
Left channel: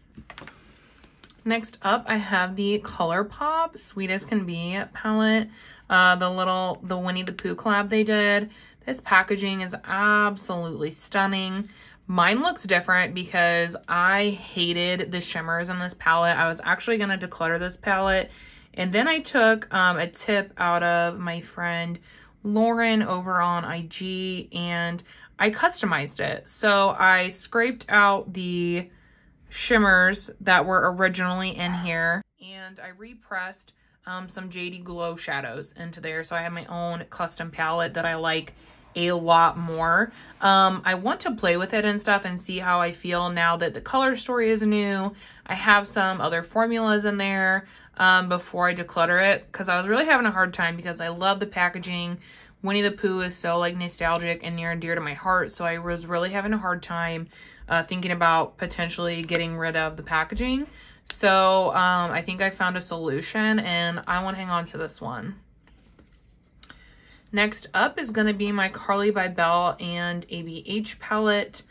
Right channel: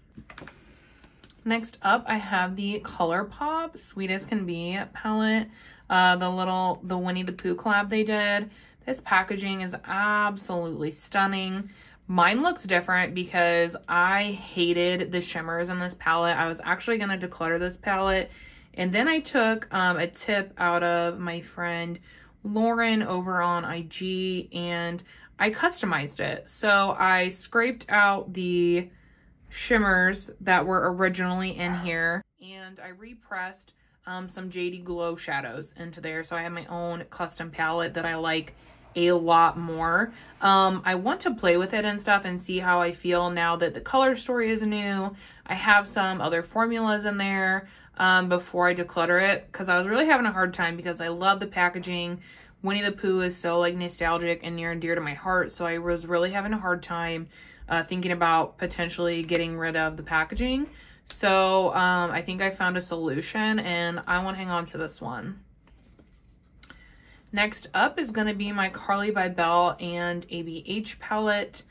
Next up, I have the Colourpop Sweetest Can Be palette. The Winnie the Pooh collab they did. This packaging is absolutely stunning. Mine looks different because I hated the shimmers in this palette. I was actually going to declutter this palette. And then I took a tip out of my friend Lauren over on IG and I customized it. So I scraped out the shimmers that were originally in here and I repressed some JD Glow shadows into there. So I have my own custom palette that I like a lot more. I want to play with it and stuff and see how I feel now that the color story is new. I have some other formulas in there before I declutter it because I was really having a hard time because I love the packaging. Winnie the Pooh is so like nostalgic and near and dear to my heart, so I was really having a hard time thinking about potentially getting rid of the packaging. So I think I found a solution and I want to hang on to this one. Next up is going to be my Carly by Belle and ABH palette.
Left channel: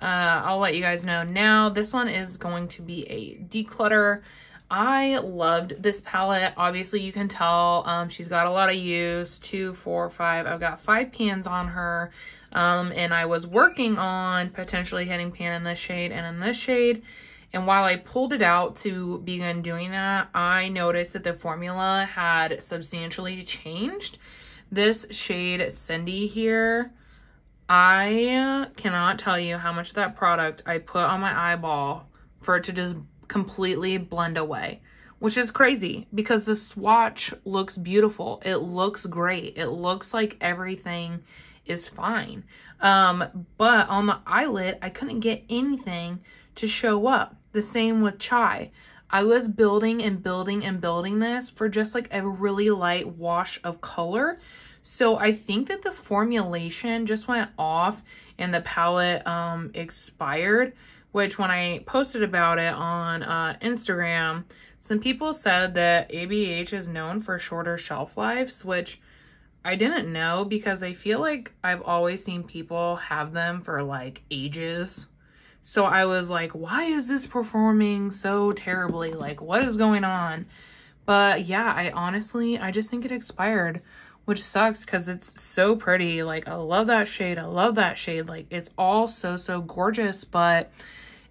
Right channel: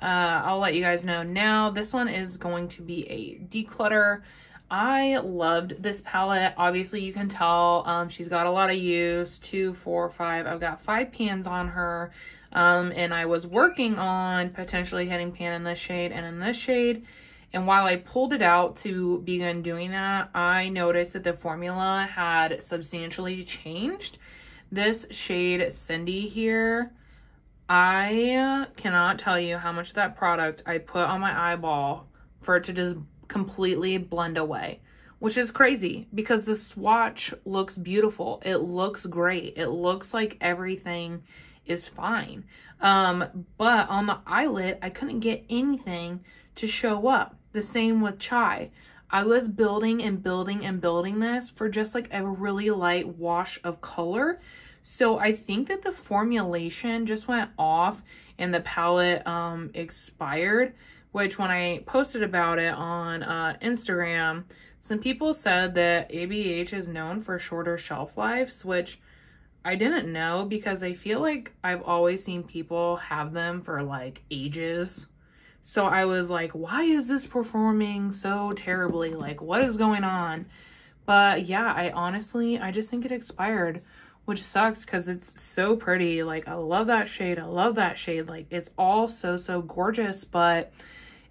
I'll let you guys know now. This one is going to be a declutter. I loved this palette. Obviously, you can tell she's got a lot of use. 2, 4, 5. I've got 5 pans on her. And I was working on potentially hitting pan in this shade and in this shade. And while I pulled it out to begin doing that, I noticed that the formula had substantially changed. This shade Cindy here, I cannot tell you how much of that product I put on my eyeball for it to just completely blend away, which is crazy because the swatch looks beautiful. It looks great. It looks like everything is fine. But on the eyelid, I couldn't get anything to show up. The same with Chai. I was building and building and building this for just like a really light wash of color. So I think that the formulation just went off and the palette expired, which when I posted about it on Instagram, some people said that ABH is known for shorter shelf lives, which I didn't know because I feel like I've always seen people have them for like ages. So I was like, why is this performing so terribly? Like, what is going on? But yeah, I just think it expired, which sucks because it's so pretty. Like, I love that shade. I love that shade. Like, it's all so gorgeous, but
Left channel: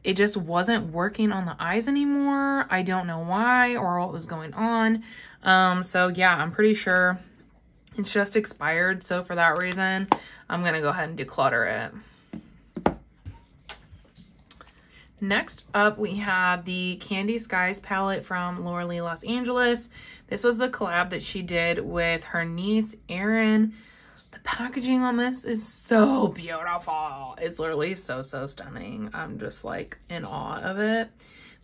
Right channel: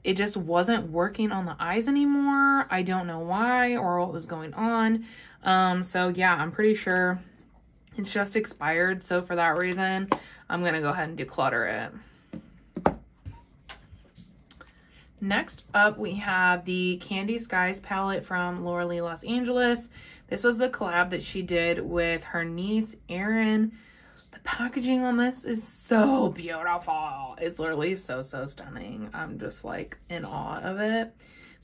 it just wasn't working on the eyes anymore. I don't know why or what was going on. So yeah, I'm pretty sure it's just expired. So for that reason, I'm going to go ahead and declutter it. Next up, we have the Candy Skies palette from Laura Lee Los Angeles. This was the collab that she did with her niece, Erin. The packaging on this is so beautiful. It's literally so stunning. I'm just like in awe of it.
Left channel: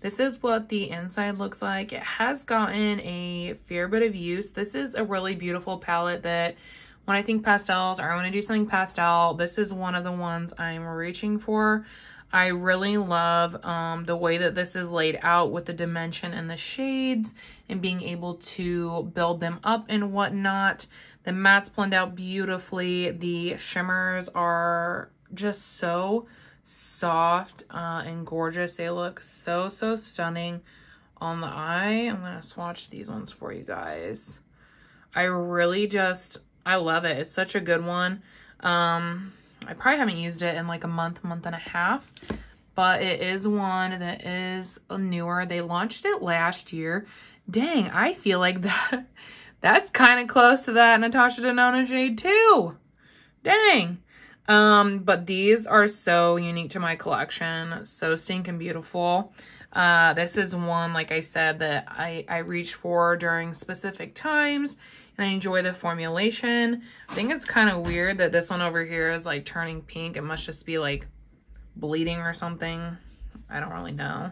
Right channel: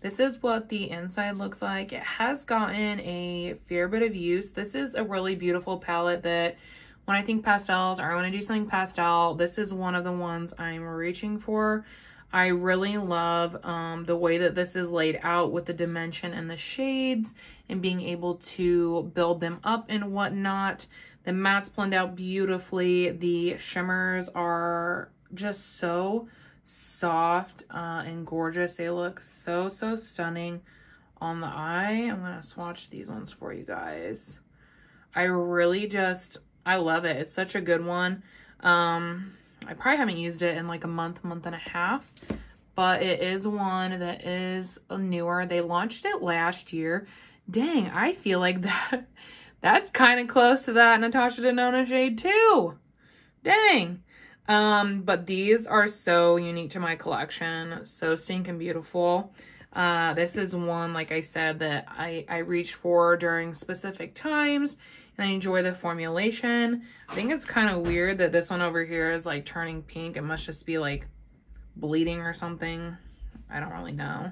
This is what the inside looks like. It has gotten a fair bit of use. This is a really beautiful palette that when I think pastels or I want to do something pastel, this is one of the ones I'm reaching for. I really love the way that this is laid out with the dimension and the shades and being able to build them up and whatnot. The mattes blend out beautifully. The shimmers are just so soft and gorgeous. They look so stunning on the eye. I'm going to swatch these ones for you guys. I love it. It's such a good one. I probably haven't used it in like a month and a half, but it is one that is newer. They launched it last year. Dang, I feel like that's kind of close to that Natasha Denona shade too. Dang. But these are so unique to my collection. So stinking beautiful. This is one, like I said, that I reach for during specific times. And I enjoy the formulation. I think it's kind of weird that this one over here is like turning pink. It must just be like bleeding or something. I don't really know.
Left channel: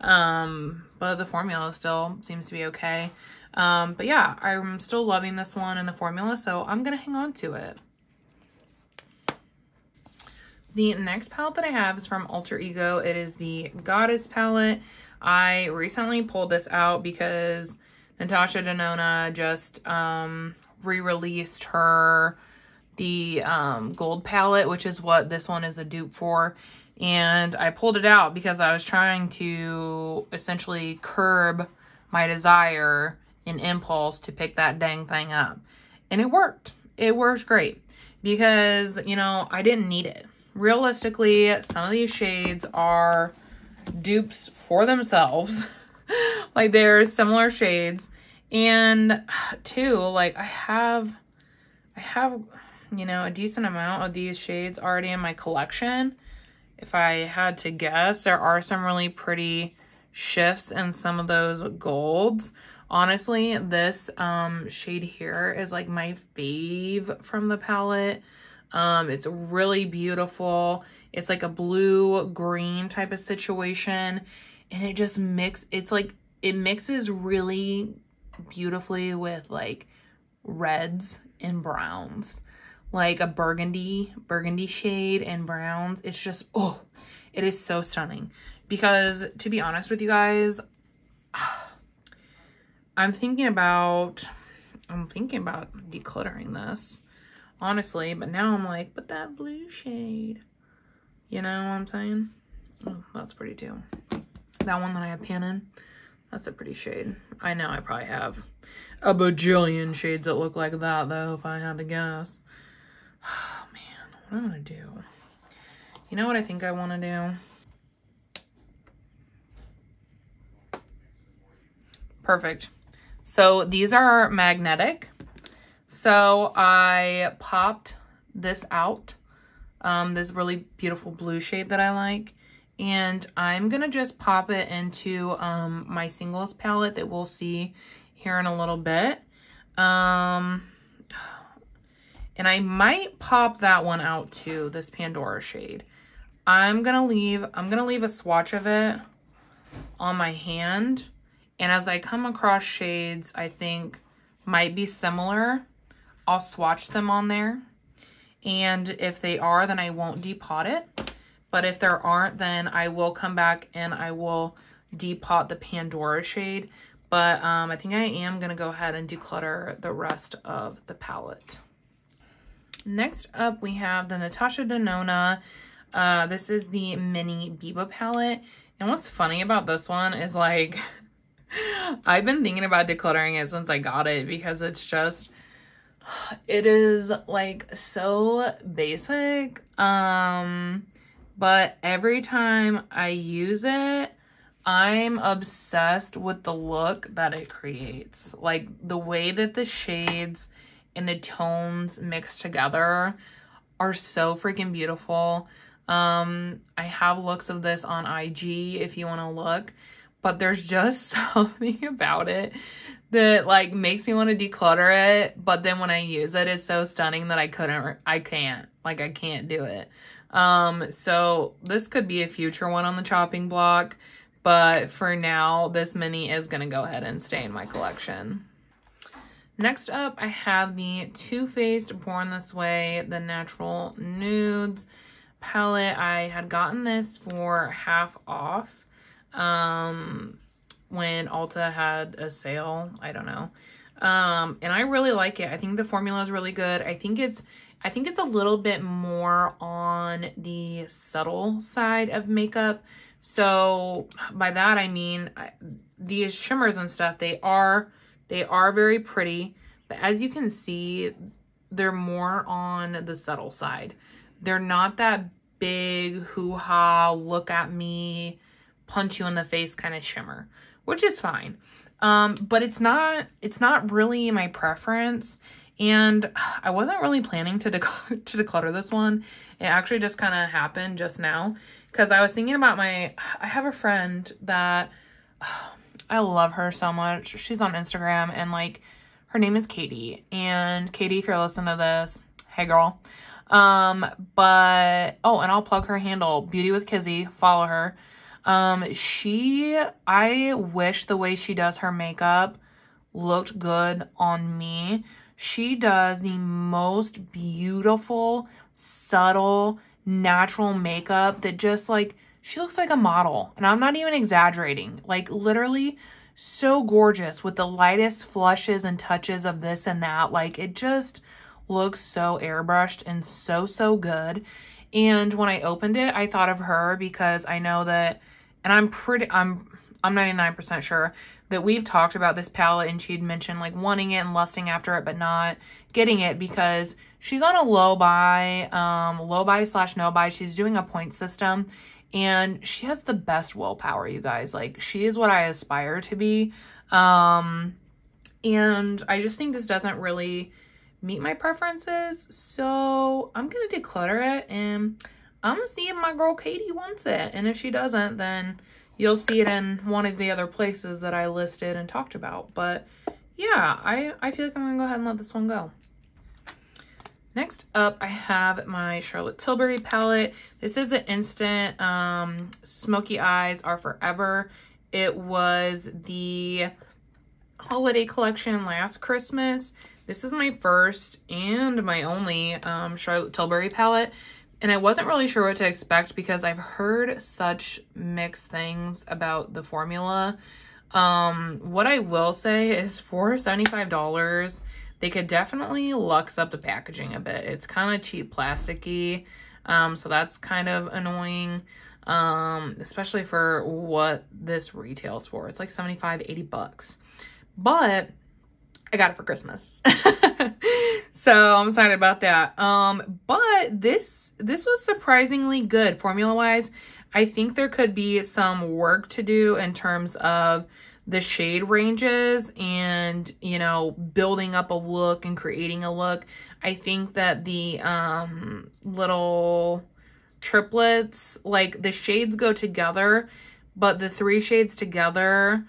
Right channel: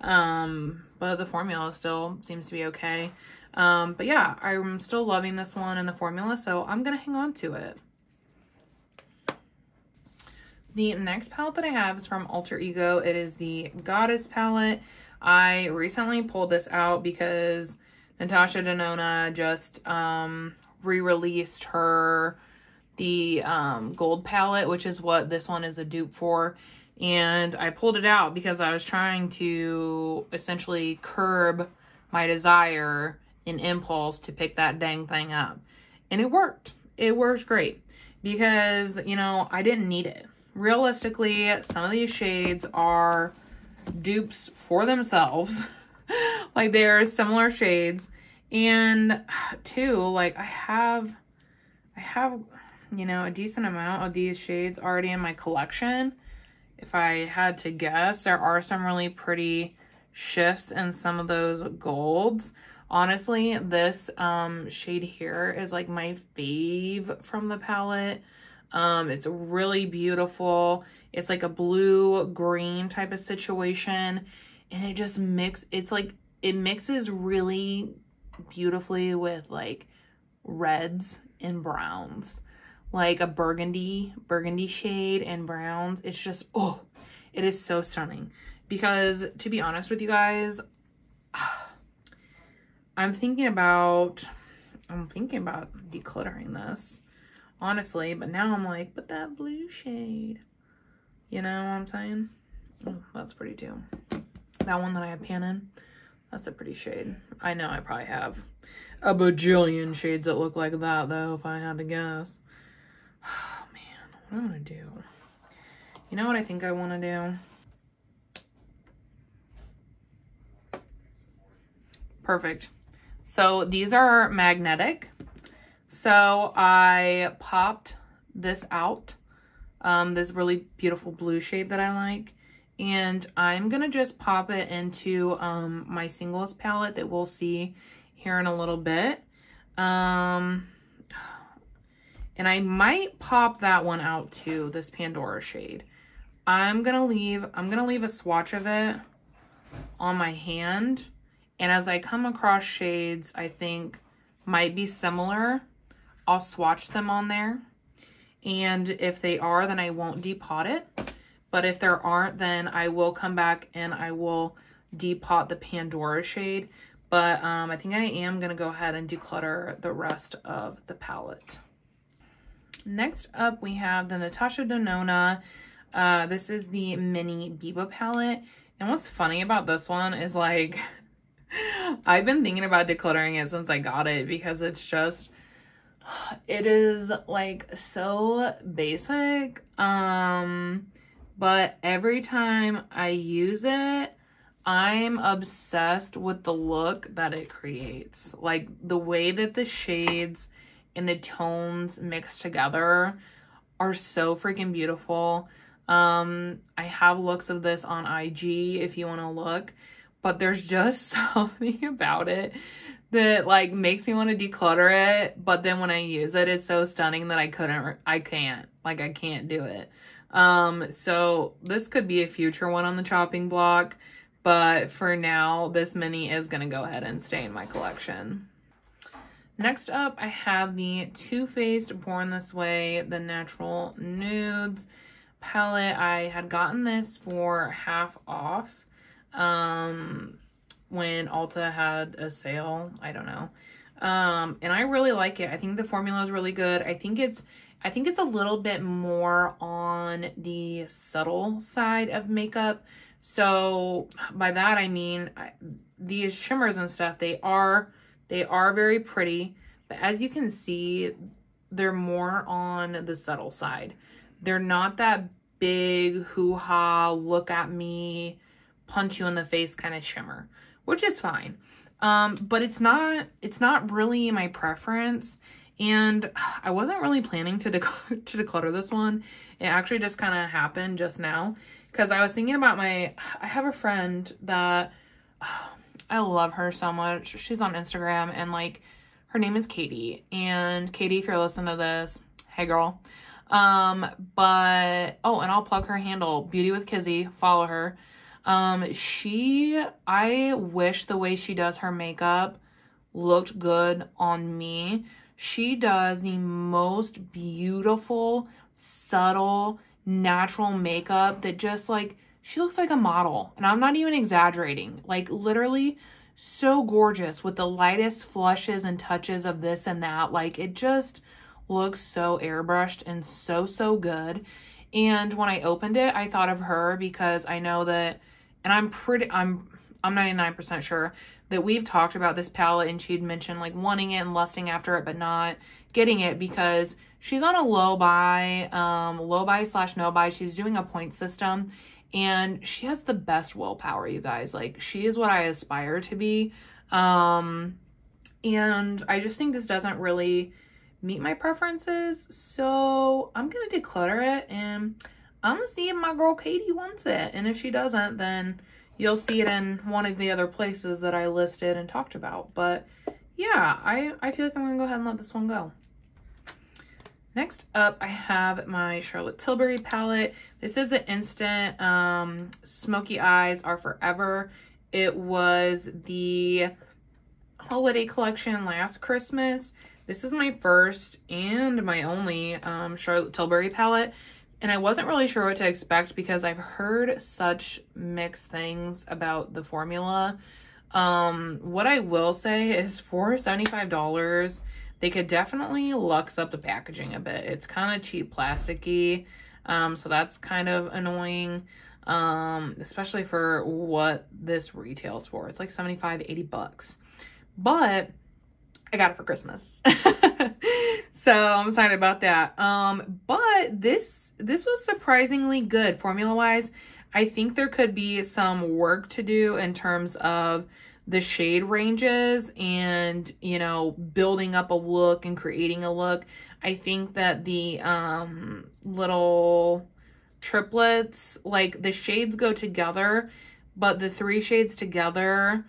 But the formula still seems to be okay. But yeah, I'm still loving this one and the formula, so I'm going to hang on to it. The next palette that I have is from Alter Ego. It is the Goddess palette. I recently pulled this out because Natasha Denona just re-released the gold palette, which is what this one is a dupe for. And I pulled it out because I was trying to essentially curb my desire and impulse to pick that dang thing up. And it worked. It works great because, you know, I didn't need it. Realistically, some of these shades are dupes for themselves. Like, they're similar shades. And two, like, I have, you know, a decent amount of these shades already in my collection. If I had to guess, there are some really pretty shifts in some of those golds. Honestly, this shade here is like my fave from the palette. It's really beautiful. It's like a blue-green type of situation. And it just it mixes really beautifully with like reds and browns. Like a burgundy shade and browns. It's just, oh, it is so stunning. Because to be honest with you guys, I'm thinking about decluttering this, honestly, but now I'm like, but that blue shade, you know what I'm saying? Oh, that's pretty too. That one that I have pan in, that's a pretty shade. I know I probably have a bajillion shades that look like that though, if I had to guess. Oh man, what am I gonna do? You know what I think I want to do? Perfect. So these are magnetic. So I popped this out, this really beautiful blue shade that I like. And I'm gonna just pop it into my singles palette that we'll see here in a little bit. And I might pop that one out too, this Pandora shade. I'm gonna leave a swatch of it on my hand. And as I come across shades I think might be similar, I'll swatch them on there. And if they are, then I won't depot it. But if there aren't, then I will come back and I will depot the Pandora shade. But I think I am gonna go ahead and declutter the rest of the palette. Next up, we have the Natasha Denona. This is the mini Biba palette. And what's funny about this one is, like, I've been thinking about decluttering it since I got it because it's just, it is like so basic. But every time I use it, I'm obsessed with the look that it creates. Like, the way that the shades and the tones mixed together are so freaking beautiful. I have looks of this on IG if you want to look, but there's just something about it that like makes me want to declutter it, but then when I use it, it's so stunning that I can't do it. So this could be a future one on the chopping block, but for now, this mini is gonna go ahead and stay in my collection. Next up, I have the Too Faced Born This Way, the Natural Nudes palette. I had gotten this for half off when Ulta had a sale. I don't know. And I really like it. I think the formula is really good. I think it's a little bit more on the subtle side of makeup. So by that I mean these shimmers and stuff, they are very pretty, but as you can see, they're more on the subtle side. They're not that big hoo-ha, look at me, punch you in the face kind of shimmer, which is fine. But it's not really my preference. And I wasn't really planning to declutter this one. It actually just kind of happened just now because I was thinking about I have a friend that, I love her so much. She's on Instagram and like, her name is Katie. And Katie, if you're listening to this, hey girl. But, oh, and I'll plug her handle, Beauty with Kizzy, follow her. I wish the way she does her makeup looked good on me. She does the most beautiful, subtle, natural makeup that just like she looks like a model, and I'm not even exaggerating. Like, literally so gorgeous with the lightest flushes and touches of this and that. Like, it just looks so airbrushed and so good. And when I opened it, I thought of her because I know that, and I'm 99% sure that we've talked about this palette, and she'd mentioned like wanting it and lusting after it but not getting it because she's on a low buy / no buy. She's doing a point system, and she has the best willpower, you guys. Like, she is what I aspire to be. And I just think this doesn't really meet my preferences, so I'm gonna declutter it, and I'm gonna see if my girl Katie wants it. And if she doesn't, then you'll see it in one of the other places that I listed and talked about. But yeah, I feel like I'm gonna go ahead and let this one go. Next up, I have my Charlotte Tilbury palette. This is an instant Smoky Eyes Are Forever. It was the holiday collection last Christmas. This is my first and my only Charlotte Tilbury palette. And I wasn't really sure what to expect because I've heard such mixed things about the formula. What I will say is for $75, they could definitely luxe up the packaging a bit. It's kind of cheap plasticky, so that's kind of annoying, especially for what this retails for. It's like 75, 80 bucks. But I got it for Christmas. So I'm excited about that. But this was surprisingly good formula-wise. I think there could be some work to do in terms of the shade ranges and, you know, building up a look and creating a look. I think that the little triplets, like the shades go together, but the 3 shades together,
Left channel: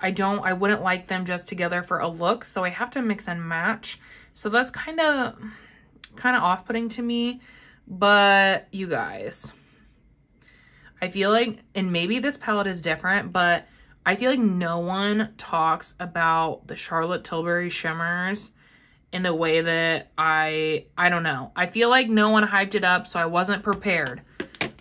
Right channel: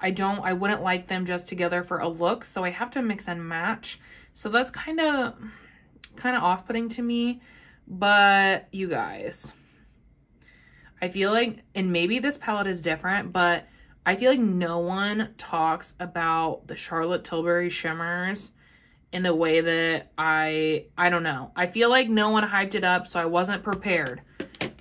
I wouldn't like them just together for a look, so I have to mix and match. So that's kind of off-putting to me. But you guys, I feel like, and maybe this palette is different, but I feel like no one talks about the Charlotte Tilbury shimmers in the way that I don't know. I feel like no one hyped it up, so I wasn't prepared.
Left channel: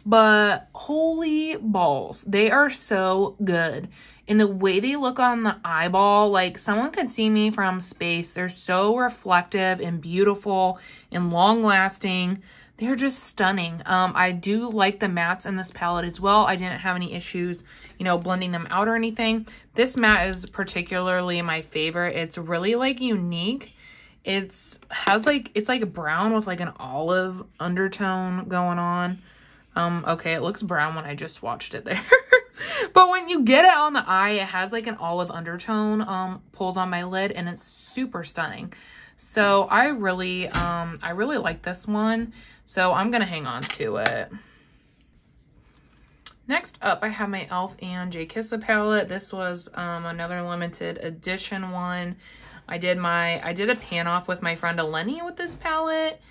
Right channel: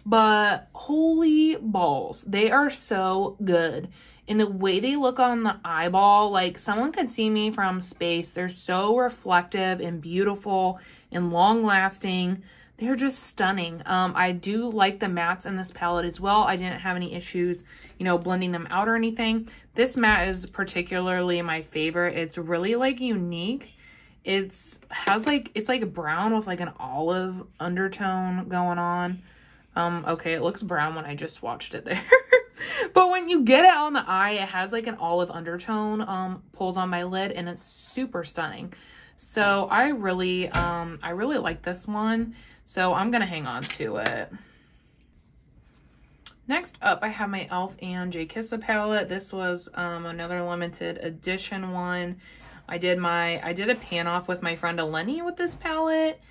But holy balls, they are so good. And the way they look on the eyeball, like someone could see me from space. They're so reflective and beautiful and long-lasting. They're just stunning. I do like the mattes in this palette as well. I didn't have any issues, you know, blending them out or anything. This matte is particularly my favorite. It's really like unique. It's like brown with like an olive undertone going on. Okay, it looks brown when I just swatched it there. But when you get it on the eye, it has like an olive undertone, pulls on my lid, and it's super stunning. So I really like this one. So I'm gonna hang on to it. Next up, I have my e.l.f. and J Kisa palette. This was another limited edition one. I did a pan off with my friend Eleni with this palette.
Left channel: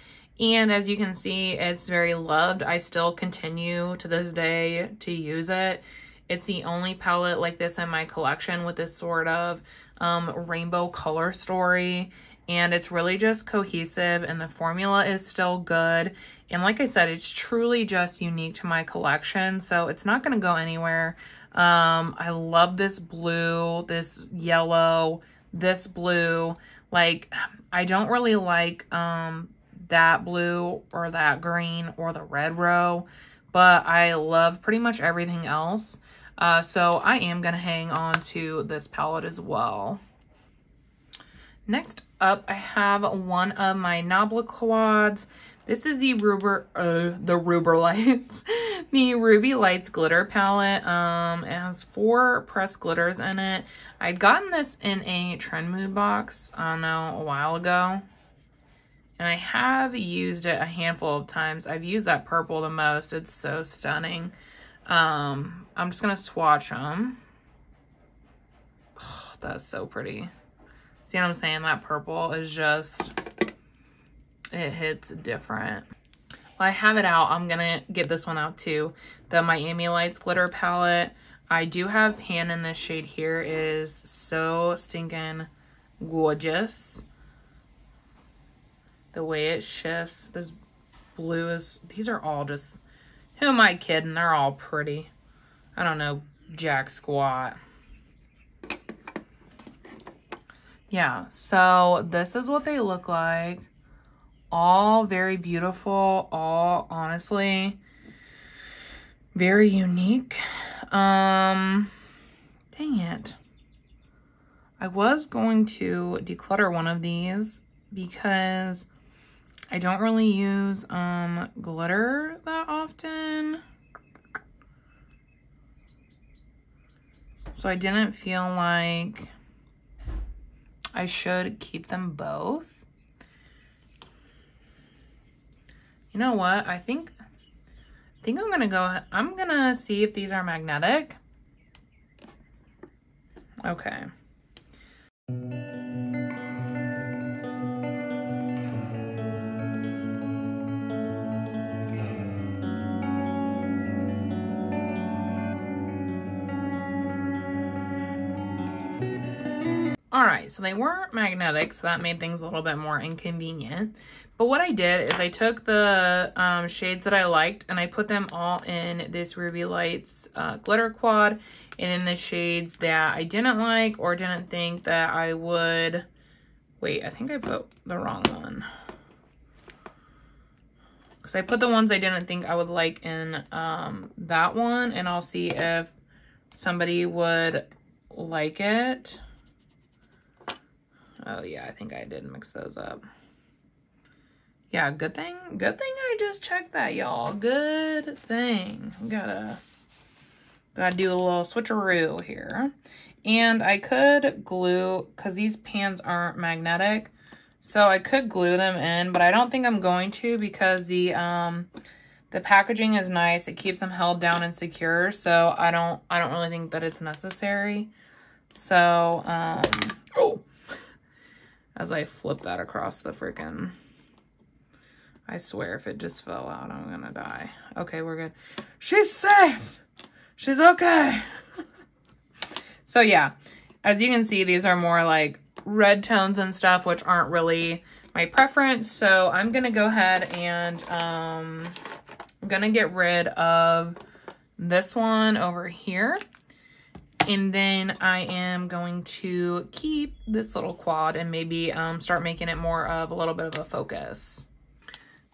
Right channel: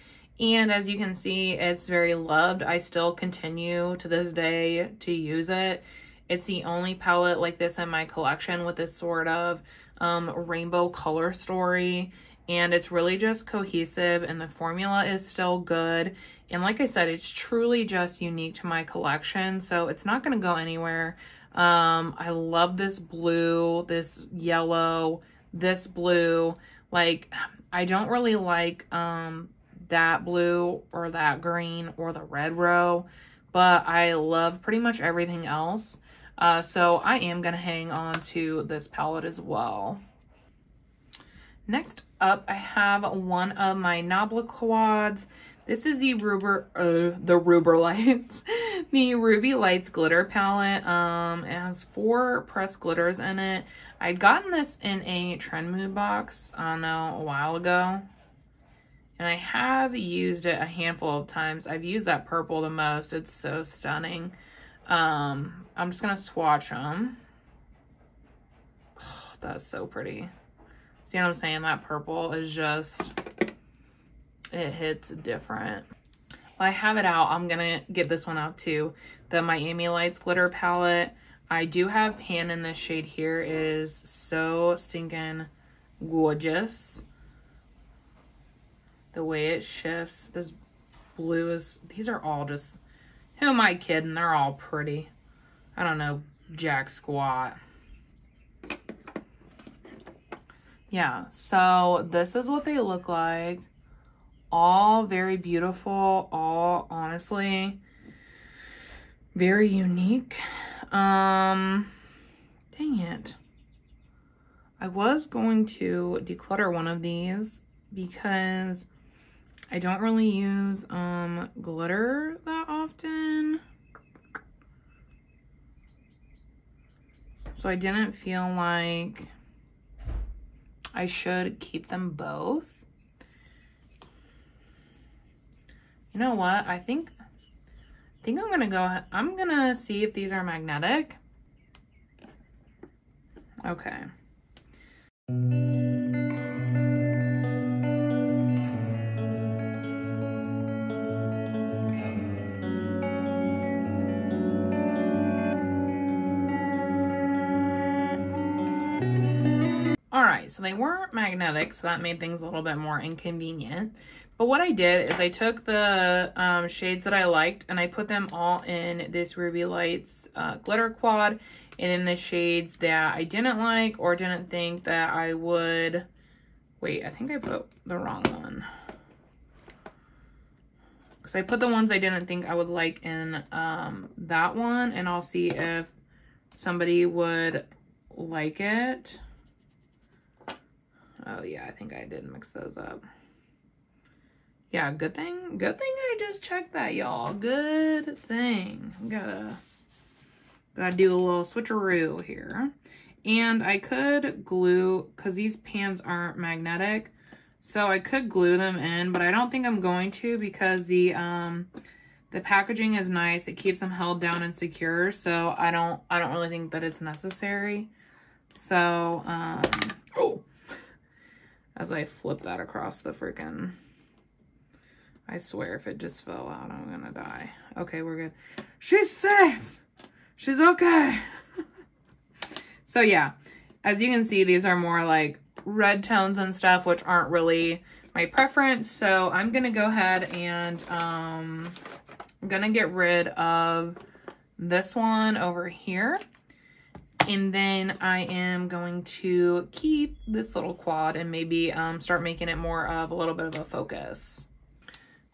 And as you can see, it's very loved. I still continue to this day to use it. It's the only palette like this in my collection with this sort of rainbow color story. And it's really just cohesive, and the formula is still good. And like I said, it's truly just unique to my collection, so it's not going to go anywhere. I love this blue, this yellow, this blue. Like, I don't really like that blue or that green or the red row, but I love pretty much everything else. So I am going to hang on to this palette as well. Next up, I have one of my Nabla quads. This is the Ruby Lights glitter palette. It has 4 pressed glitters in it. I'd gotten this in a Trend Mood box, I don't know, a while ago. And I have used it a handful of times. I've used that purple the most. It's so stunning. I'm just going to swatch them. Oh, that's so pretty. See what I'm saying? That purple is just, it hits different. Well, I have it out. I'm going to get this one out too. The Miami Lights glitter palette. I do have pan in this shade here. It is so stinking gorgeous. The way it shifts. This blue is, these are all just Who am I kidding? They're all pretty. I don't know jack squat. Yeah, so this is what they look like. All very beautiful, all honestly very unique. Dang it. I was going to declutter one of these because I don't really use glitter that often. So I didn't feel like I should keep them both. You know what? I think I'm gonna see if these are magnetic. Okay. Alright, so they weren't magnetic, so that made things a little bit more inconvenient. But what I did is I took the shades that I liked and I put them all in this Ruby Lights glitter quad and in the shades that I didn't like or didn't think that I would... Wait, I think I put the wrong one. Because I put the ones I didn't think I would like in that one, and I'll see if somebody would like it. Oh yeah, I think I did mix those up. Yeah, good thing I just checked that, y'all. Good thing. Gotta do a little switcheroo here. And I could glue, because these pans aren't magnetic, so I could glue them in, but I don't think I'm going to because the packaging is nice. It keeps them held down and secure, so I don't really think that it's necessary. So, oh, as I flip that across the freaking, I swear if it just fell out, I'm gonna die. Okay, we're good. She's safe. She's okay. So yeah, as you can see, these are more like red tones and stuff, which aren't really my preference. So I'm gonna go ahead and I'm gonna get rid of this one over here. And then I am going to keep this little quad and maybe start making it more of a little bit of a focus.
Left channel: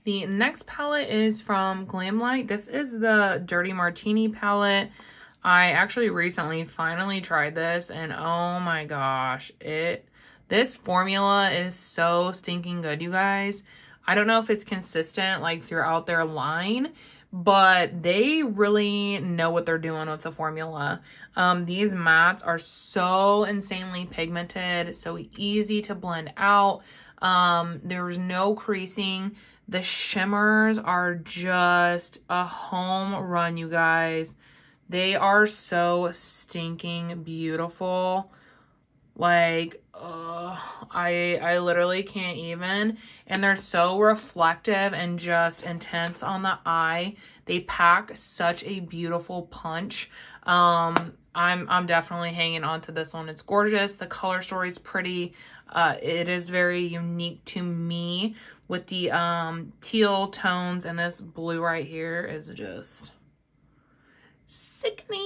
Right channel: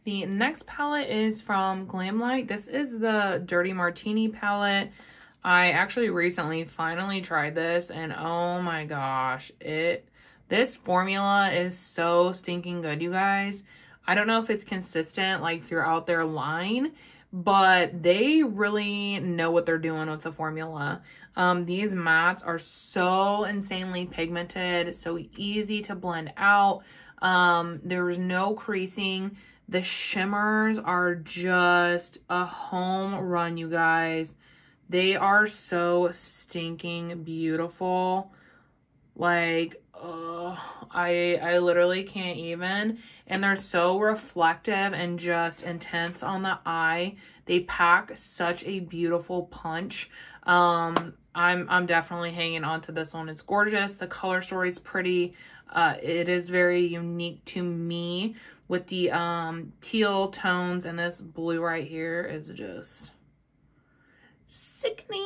The next palette is from Glamlight. This is the Dirty Martini palette. I actually recently finally tried this and oh my gosh, this formula is so stinking good, you guys. I don't know if it's consistent like throughout their line, but they really know what they're doing with the formula. These mattes are so insanely pigmented, so easy to blend out. There's no creasing. The shimmers are just a home run, you guys. They are so stinking beautiful. Like, I literally can't even. And they're so reflective and just intense on the eye. They pack such a beautiful punch. I'm definitely hanging on to this one. It's gorgeous. The color story is pretty. It is very unique to me with the teal tones, and this blue right here is just sickening.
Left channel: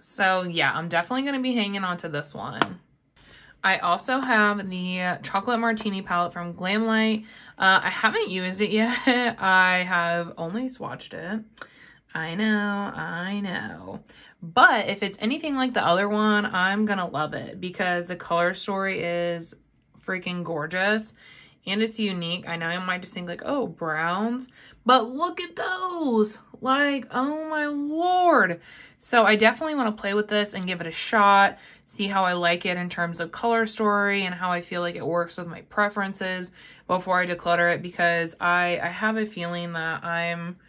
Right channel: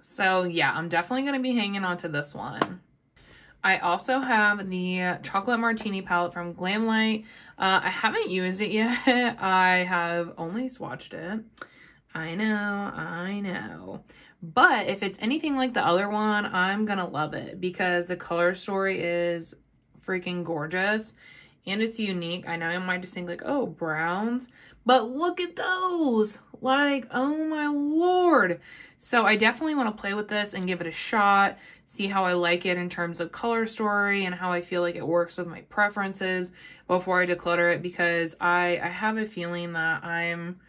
So yeah, I'm definitely going to be hanging on to this one. I also have the Chocolate Martini palette from Glamlight. I haven't used it yet. I have only swatched it. I know. But if it's anything like the other one, I'm going to love it because the color story is freaking gorgeous and it's unique. I know I might just think like, oh, browns, but look at those. Like, oh my Lord. So I definitely want to play with this and give it a shot, see how I like it in terms of color story and how I feel like it works with my preferences before I declutter it, because I have a feeling that I'm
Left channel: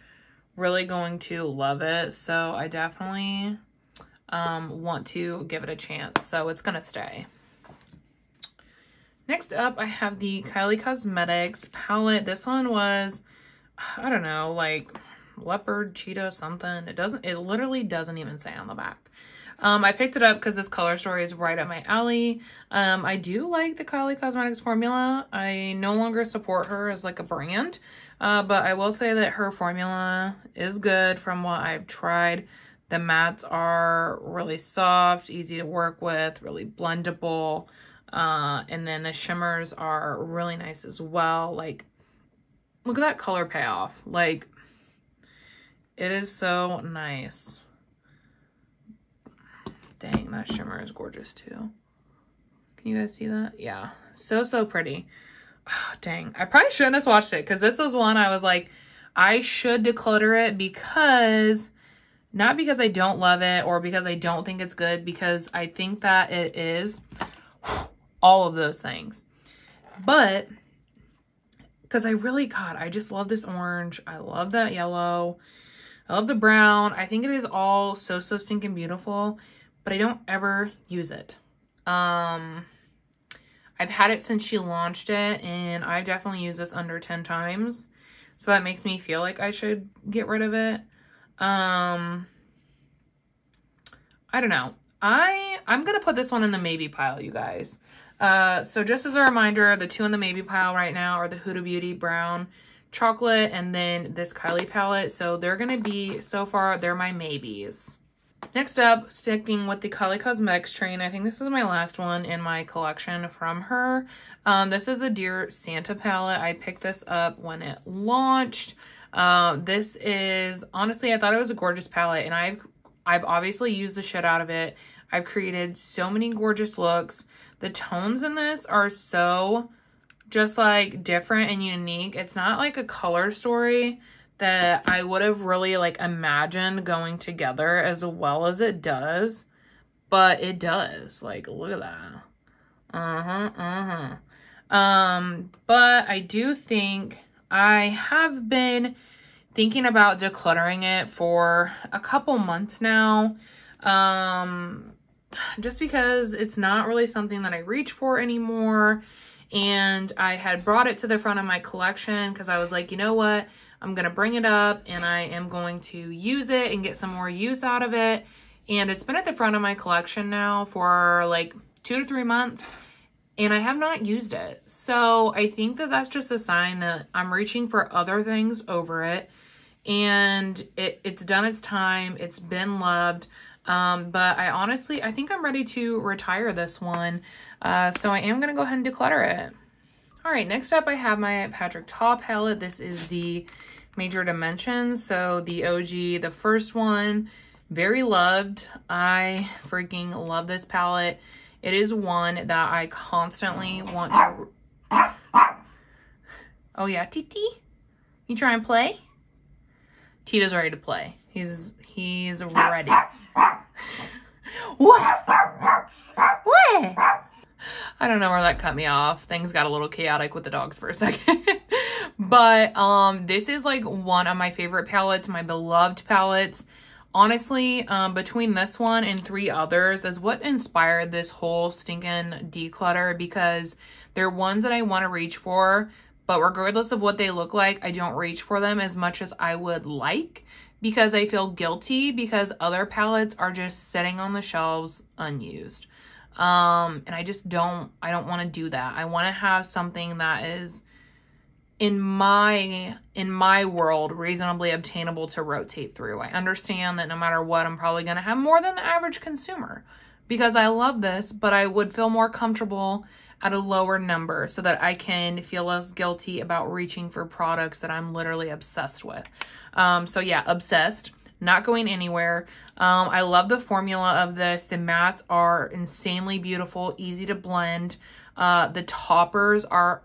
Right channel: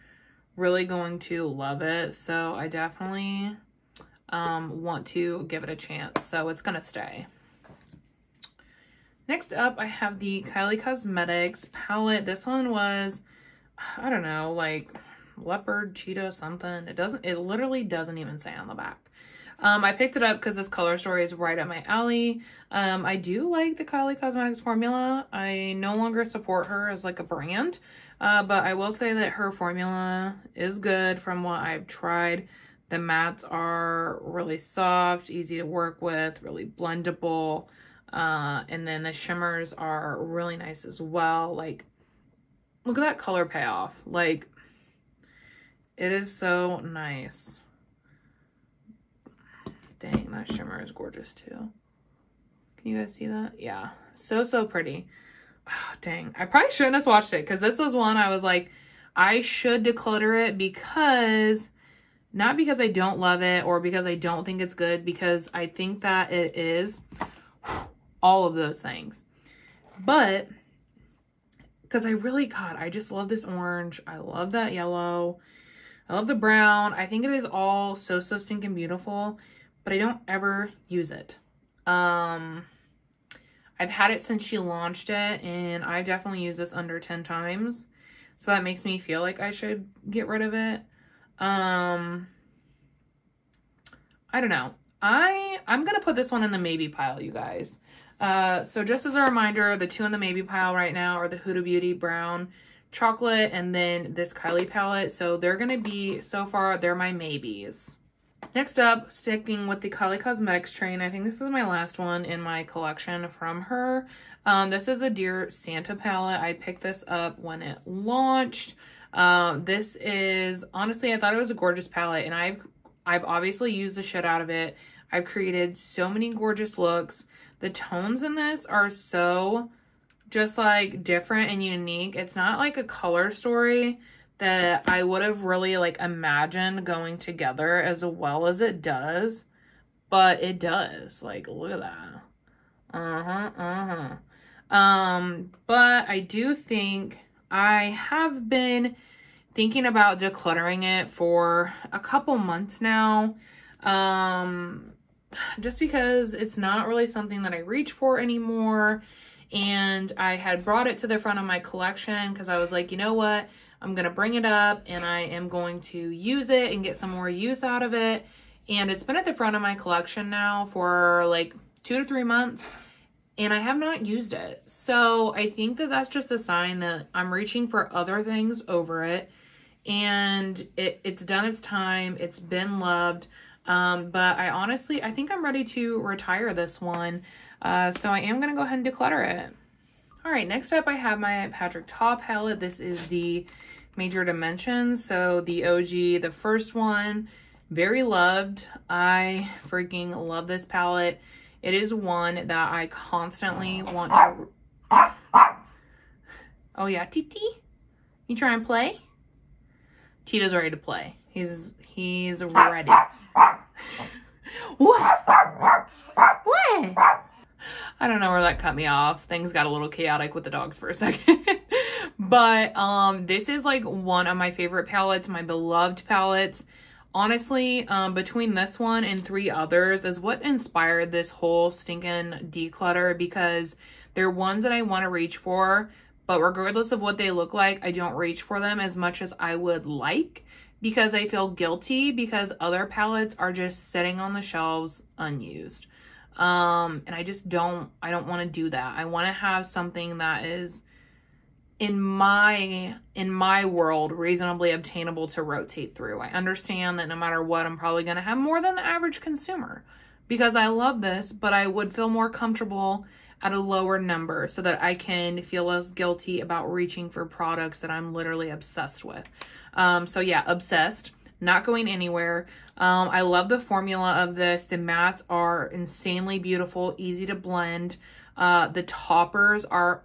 really going to love it. So I definitely want to give it a chance. So it's going to stay. Next up, I have the Kylie Cosmetics palette. This one was, I don't know, like leopard, cheetah, something. It literally doesn't even say on the back. I picked it up because this color story is right up my alley. I do like the Kylie Cosmetics formula. I no longer support her as like a brand, but I will say that her formula is good from what I've tried. The mattes are really soft, easy to work with, really blendable. And then the shimmers are really nice as well. Like, look at that color payoff. Like, it is so nice. Dang, that shimmer is gorgeous too. Can you guys see that? Yeah, so pretty. Oh, dang, I probably shouldn't have swatched it because this was one I was like, I should declutter it because, not because I don't love it or because I don't think it's good, because I think that it is all of those things. But because I really, God, I just love this orange. I love that yellow. I love the brown. I think it is all so stinking beautiful, but I don't ever use it. I've had it since she launched it, and I've definitely used this under 10 times. So that makes me feel like I should get rid of it. I don't know. I'm going to put this one in the maybe pile, you guys. So just as a reminder, the two in the maybe pile right now are the Huda Beauty Brown Chocolate and then this Kylie palette. So they're going to be, so far, they're my maybes. Next up, sticking with the Kylie Cosmetics train, I think this is my last one in my collection from her. This is a Dear Santa palette. I picked this up when it launched. This is, honestly, I thought it was a gorgeous palette, and I've obviously used the shit out of it. I've created so many gorgeous looks. The tones in this are so just like different and unique. It's not like a color story that I would have really like imagined going together as well as it does, but it does. Like, look at that. But I do think I have been thinking about decluttering it for a couple months now. Just because it's not really something that I reach for anymore. And I had brought it to the front of my collection because I was like, you know what? I'm going to bring it up and I am going to use it and get some more use out of it. And it's been at the front of my collection now for like 2 to 3 months and I have not used it. So I think that that's just a sign that I'm reaching for other things over it. And it's done its time. It's been loved. But I think I'm ready to retire this one. So I am going to go ahead and declutter it. All right, next up I have my Patrick Ta palette. This is the Major Dimensions. So the OG, the first one, very loved. I freaking love this palette. It is one that I constantly want to... Oh yeah, Titi? You try and play? Tita's ready to play. He's ready. What? What? I don't know where that cut me off. Things got a little chaotic with the dogs for a second. But this is like one of my favorite palettes, my beloved palettes. Honestly, between this one and 3 others is what inspired this whole stinking declutter, because they're ones that I want to reach for, but regardless of what they look like, I don't reach for them as much as I would like, because I feel guilty because other palettes are just sitting on the shelves unused. And I don't want to do that. I want to have something that is in my world reasonably obtainable to rotate through. I understand that no matter what, I'm probably going to have more than the average consumer because I love this, but I would feel more comfortable at a lower number so that I can feel less guilty about reaching for products that I'm literally obsessed with. So yeah, obsessed, not going anywhere. I love the formula of this. The mattes are insanely beautiful, easy to blend. The toppers are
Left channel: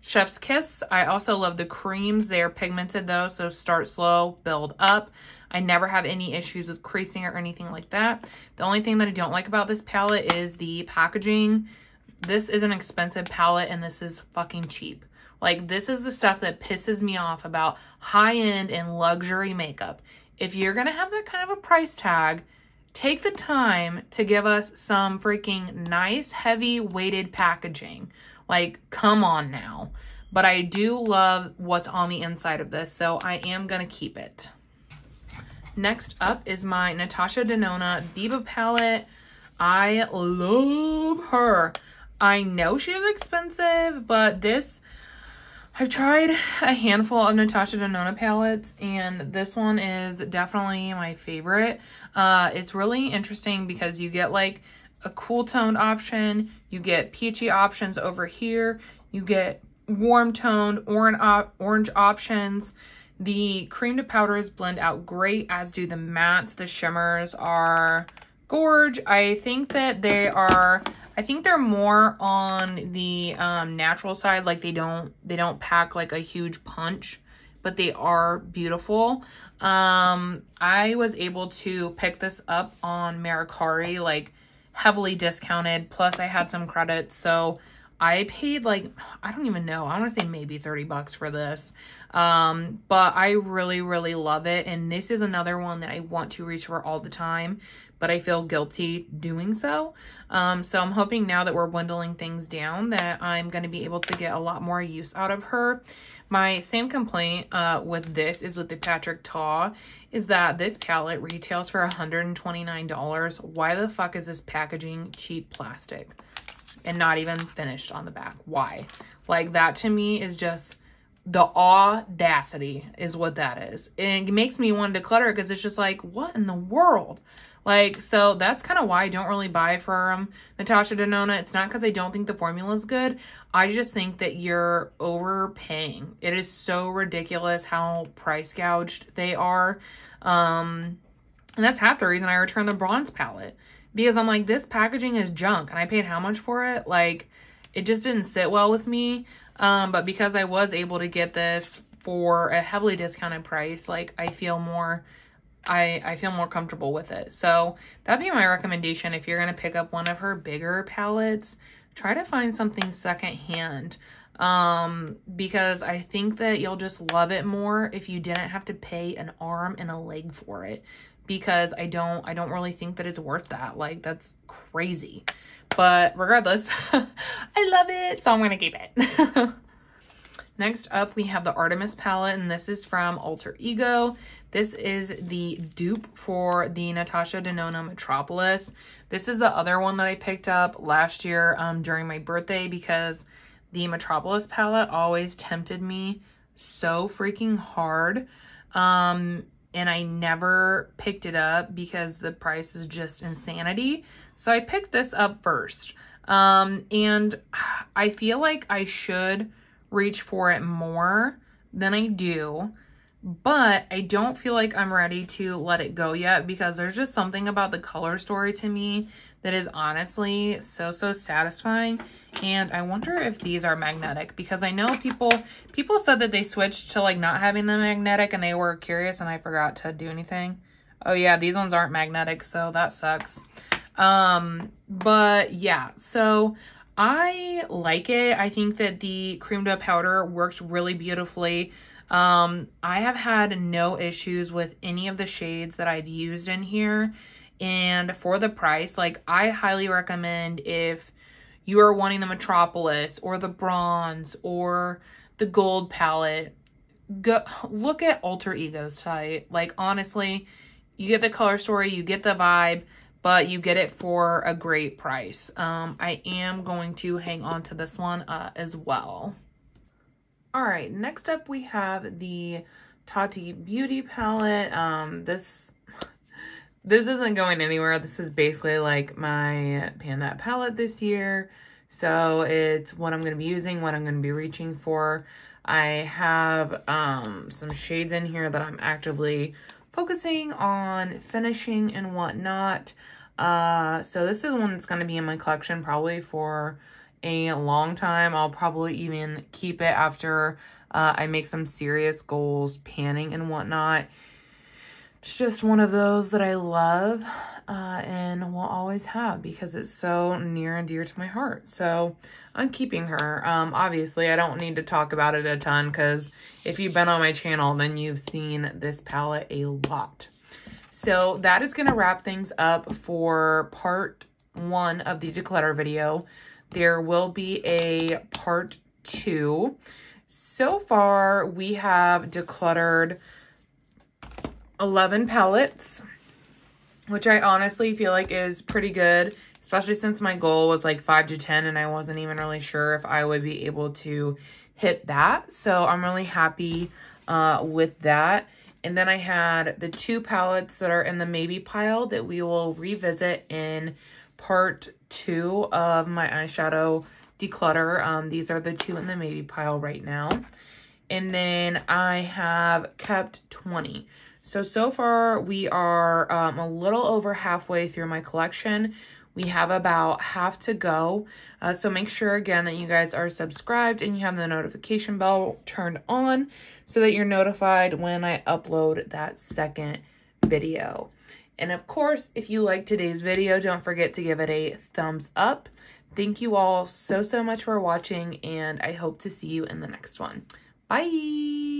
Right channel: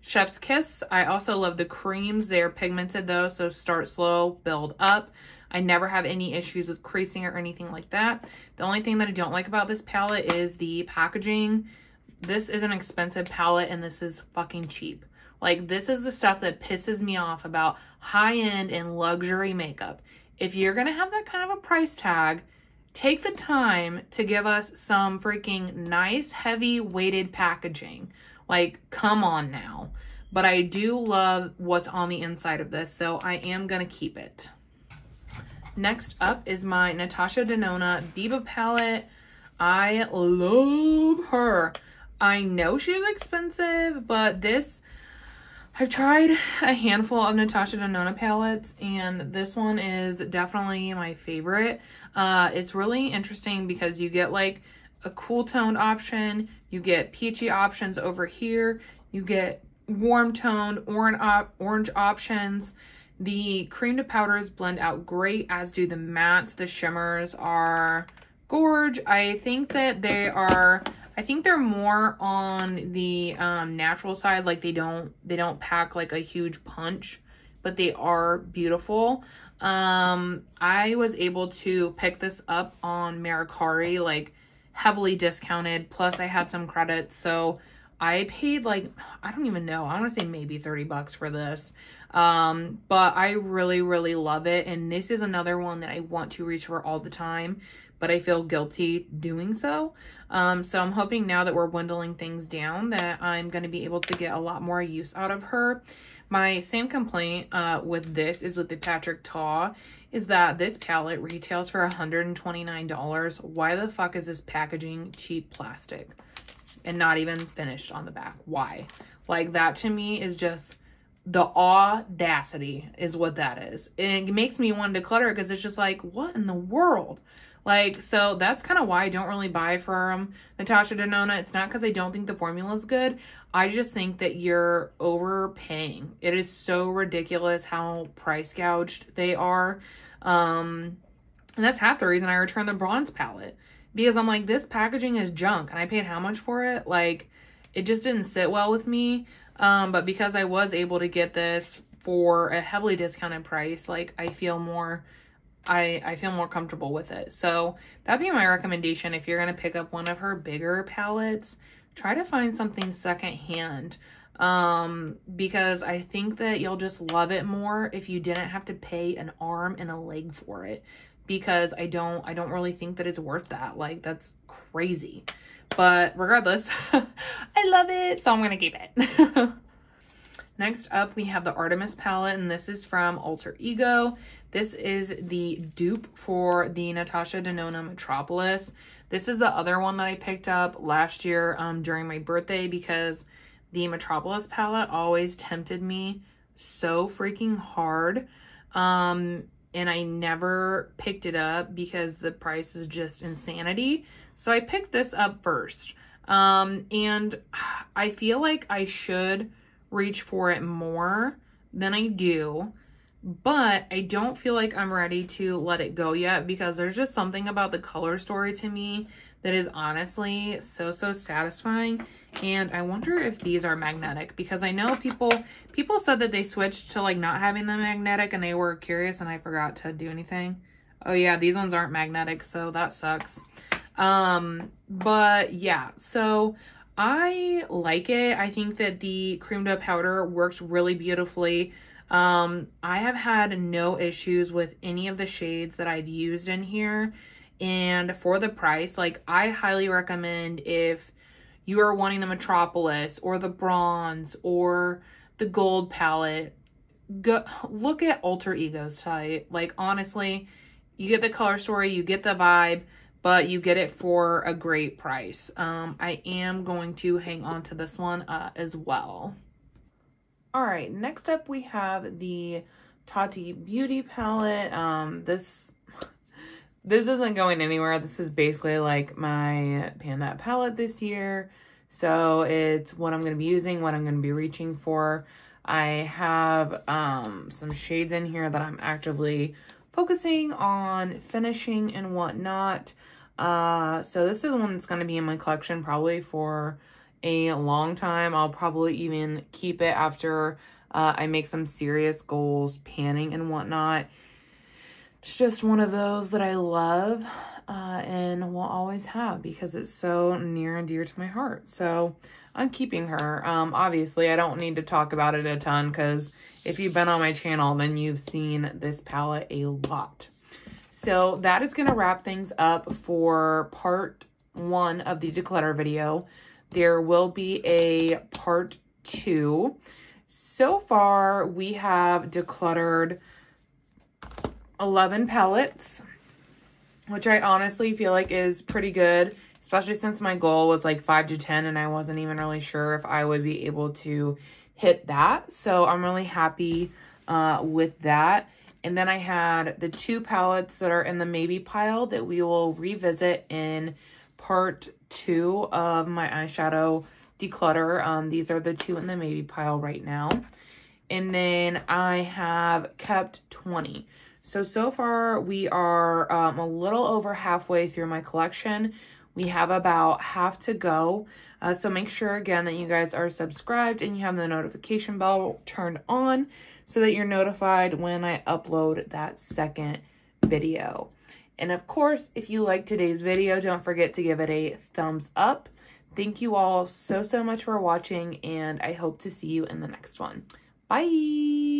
chef's kiss. I also love the creams. They are pigmented though, so start slow, build up. I never have any issues with creasing or anything like that. The only thing that I don't like about this palette is the packaging. This is an expensive palette and this is fucking cheap. Like, this is the stuff that pisses me off about high-end and luxury makeup. If you're gonna have that kind of a price tag, take the time to give us some freaking nice, heavy weighted packaging. Like, come on now. But I do love what's on the inside of this, so I am gonna keep it. Next up is my Natasha Denona Viva palette. I love her. I know she's expensive, but this, I've tried a handful of Natasha Denona palettes, and this one is definitely my favorite. It's really interesting because you get like a cool toned option, you get peachy options over here, you get warm toned orange options. The cream to powders blend out great, as do the mattes. The shimmers are gorge. I think that they are, I think they're more on the natural side. Like they don't pack like a huge punch, but they are beautiful. I was able to pick this up on Mercari, like heavily discounted, plus I had some credits, so I paid like, I don't even know, I want to say maybe 30 bucks for this. But I really love it, and this is another one that I want to reach for all the time, but I feel guilty doing so. So I'm hoping now that we're dwindling things down that I'm going to be able to get a lot more use out of her. My same complaint with this is with the Patrick Ta, is that this palette retails for $129. Why the fuck is this packaging cheap plastic and not even finished on the back? Why? Like, that to me is just the audacity is what that is. And it makes me want to declutter it because it's just like, what in the world? Like, so that's kind of why I don't really buy from Natasha Denona. It's not because I don't think the formula is good. I just think that you're overpaying. It is so ridiculous how price gouged they are. And that's half the reason I returned the bronze palette. Because I'm like, this packaging is junk. And I paid how much for it? Like, it just didn't sit well with me. But because I was able to get this for a heavily discounted price, like, I feel more... I feel more comfortable with it. So that'd be my recommendation. If you're going to pick up one of her bigger palettes, try to find something secondhand. Because I think that you'll just love it more if you didn't have to pay an arm and a leg for it. Because I don't really think that it's worth that. Like, that's crazy. But regardless, I love it, so I'm going to keep it. Next up, we have the Artemis palette, and this is from Alter Ego. This is the dupe for the Natasha Denona Metropolis. This is the other one that I picked up last year during my birthday, because the Metropolis palette always tempted me so freaking hard. And I never picked it up because the price is just insanity. So I picked this up first. And I feel like I should reach for it more than I do, but I don't feel like I'm ready to let it go yet, because there's just something about the color story to me that is honestly so satisfying. And I wonder if these are magnetic, because I know people said that they switched to like not having them magnetic and they were curious, and I forgot to do anything. Oh yeah, these ones aren't magnetic, so that sucks. But yeah, so I like it. I think that the cream to powder works really beautifully. I have had no issues with any of the shades that I've used in here. And for the price, like, I highly recommend, if you are wanting the Metropolis or the bronze or the gold palette, go look at Alter Ego's site. Like, honestly, you get the color story, you get the vibe, but you get it for a great price. I am going to hang on to this one as well. All right, next up we have the Tati Beauty palette. This isn't going anywhere. This is basically like my Panda palette this year. So it's what I'm going to be using, what I'm going to be reaching for. I have some shades in here that I'm actively focusing on finishing and whatnot. So this is one that's going to be in my collection probably for a long time. I'll probably even keep it after I make some serious goals, panning and whatnot. It's just one of those that I love and will always have because it's so near and dear to my heart. So I'm keeping her. Obviously, I don't need to talk about it a ton because if you've been on my channel, then you've seen this palette a lot. So that is going to wrap things up for part 1 of the declutter video. There will be a part 2. So far, we have decluttered 11 palettes, which I honestly feel like is pretty good, especially since my goal was like 5 to 10 and I wasn't even really sure if I would be able to hit that. So I'm really happy with that. And then I had the 2 palettes that are in the maybe pile that we will revisit in part 2 of my eyeshadow declutter. These are the 2 in the maybe pile right now. And then I have kept 20. So far we are a little over halfway through my collection. We have about half to go. So make sure again that you guys are subscribed and you have the notification bell turned on so that you're notified when I upload that second video. And of course, if you like today's video, don't forget to give it a thumbs up. Thank you all so much for watching, and I hope to see you in the next one. Bye!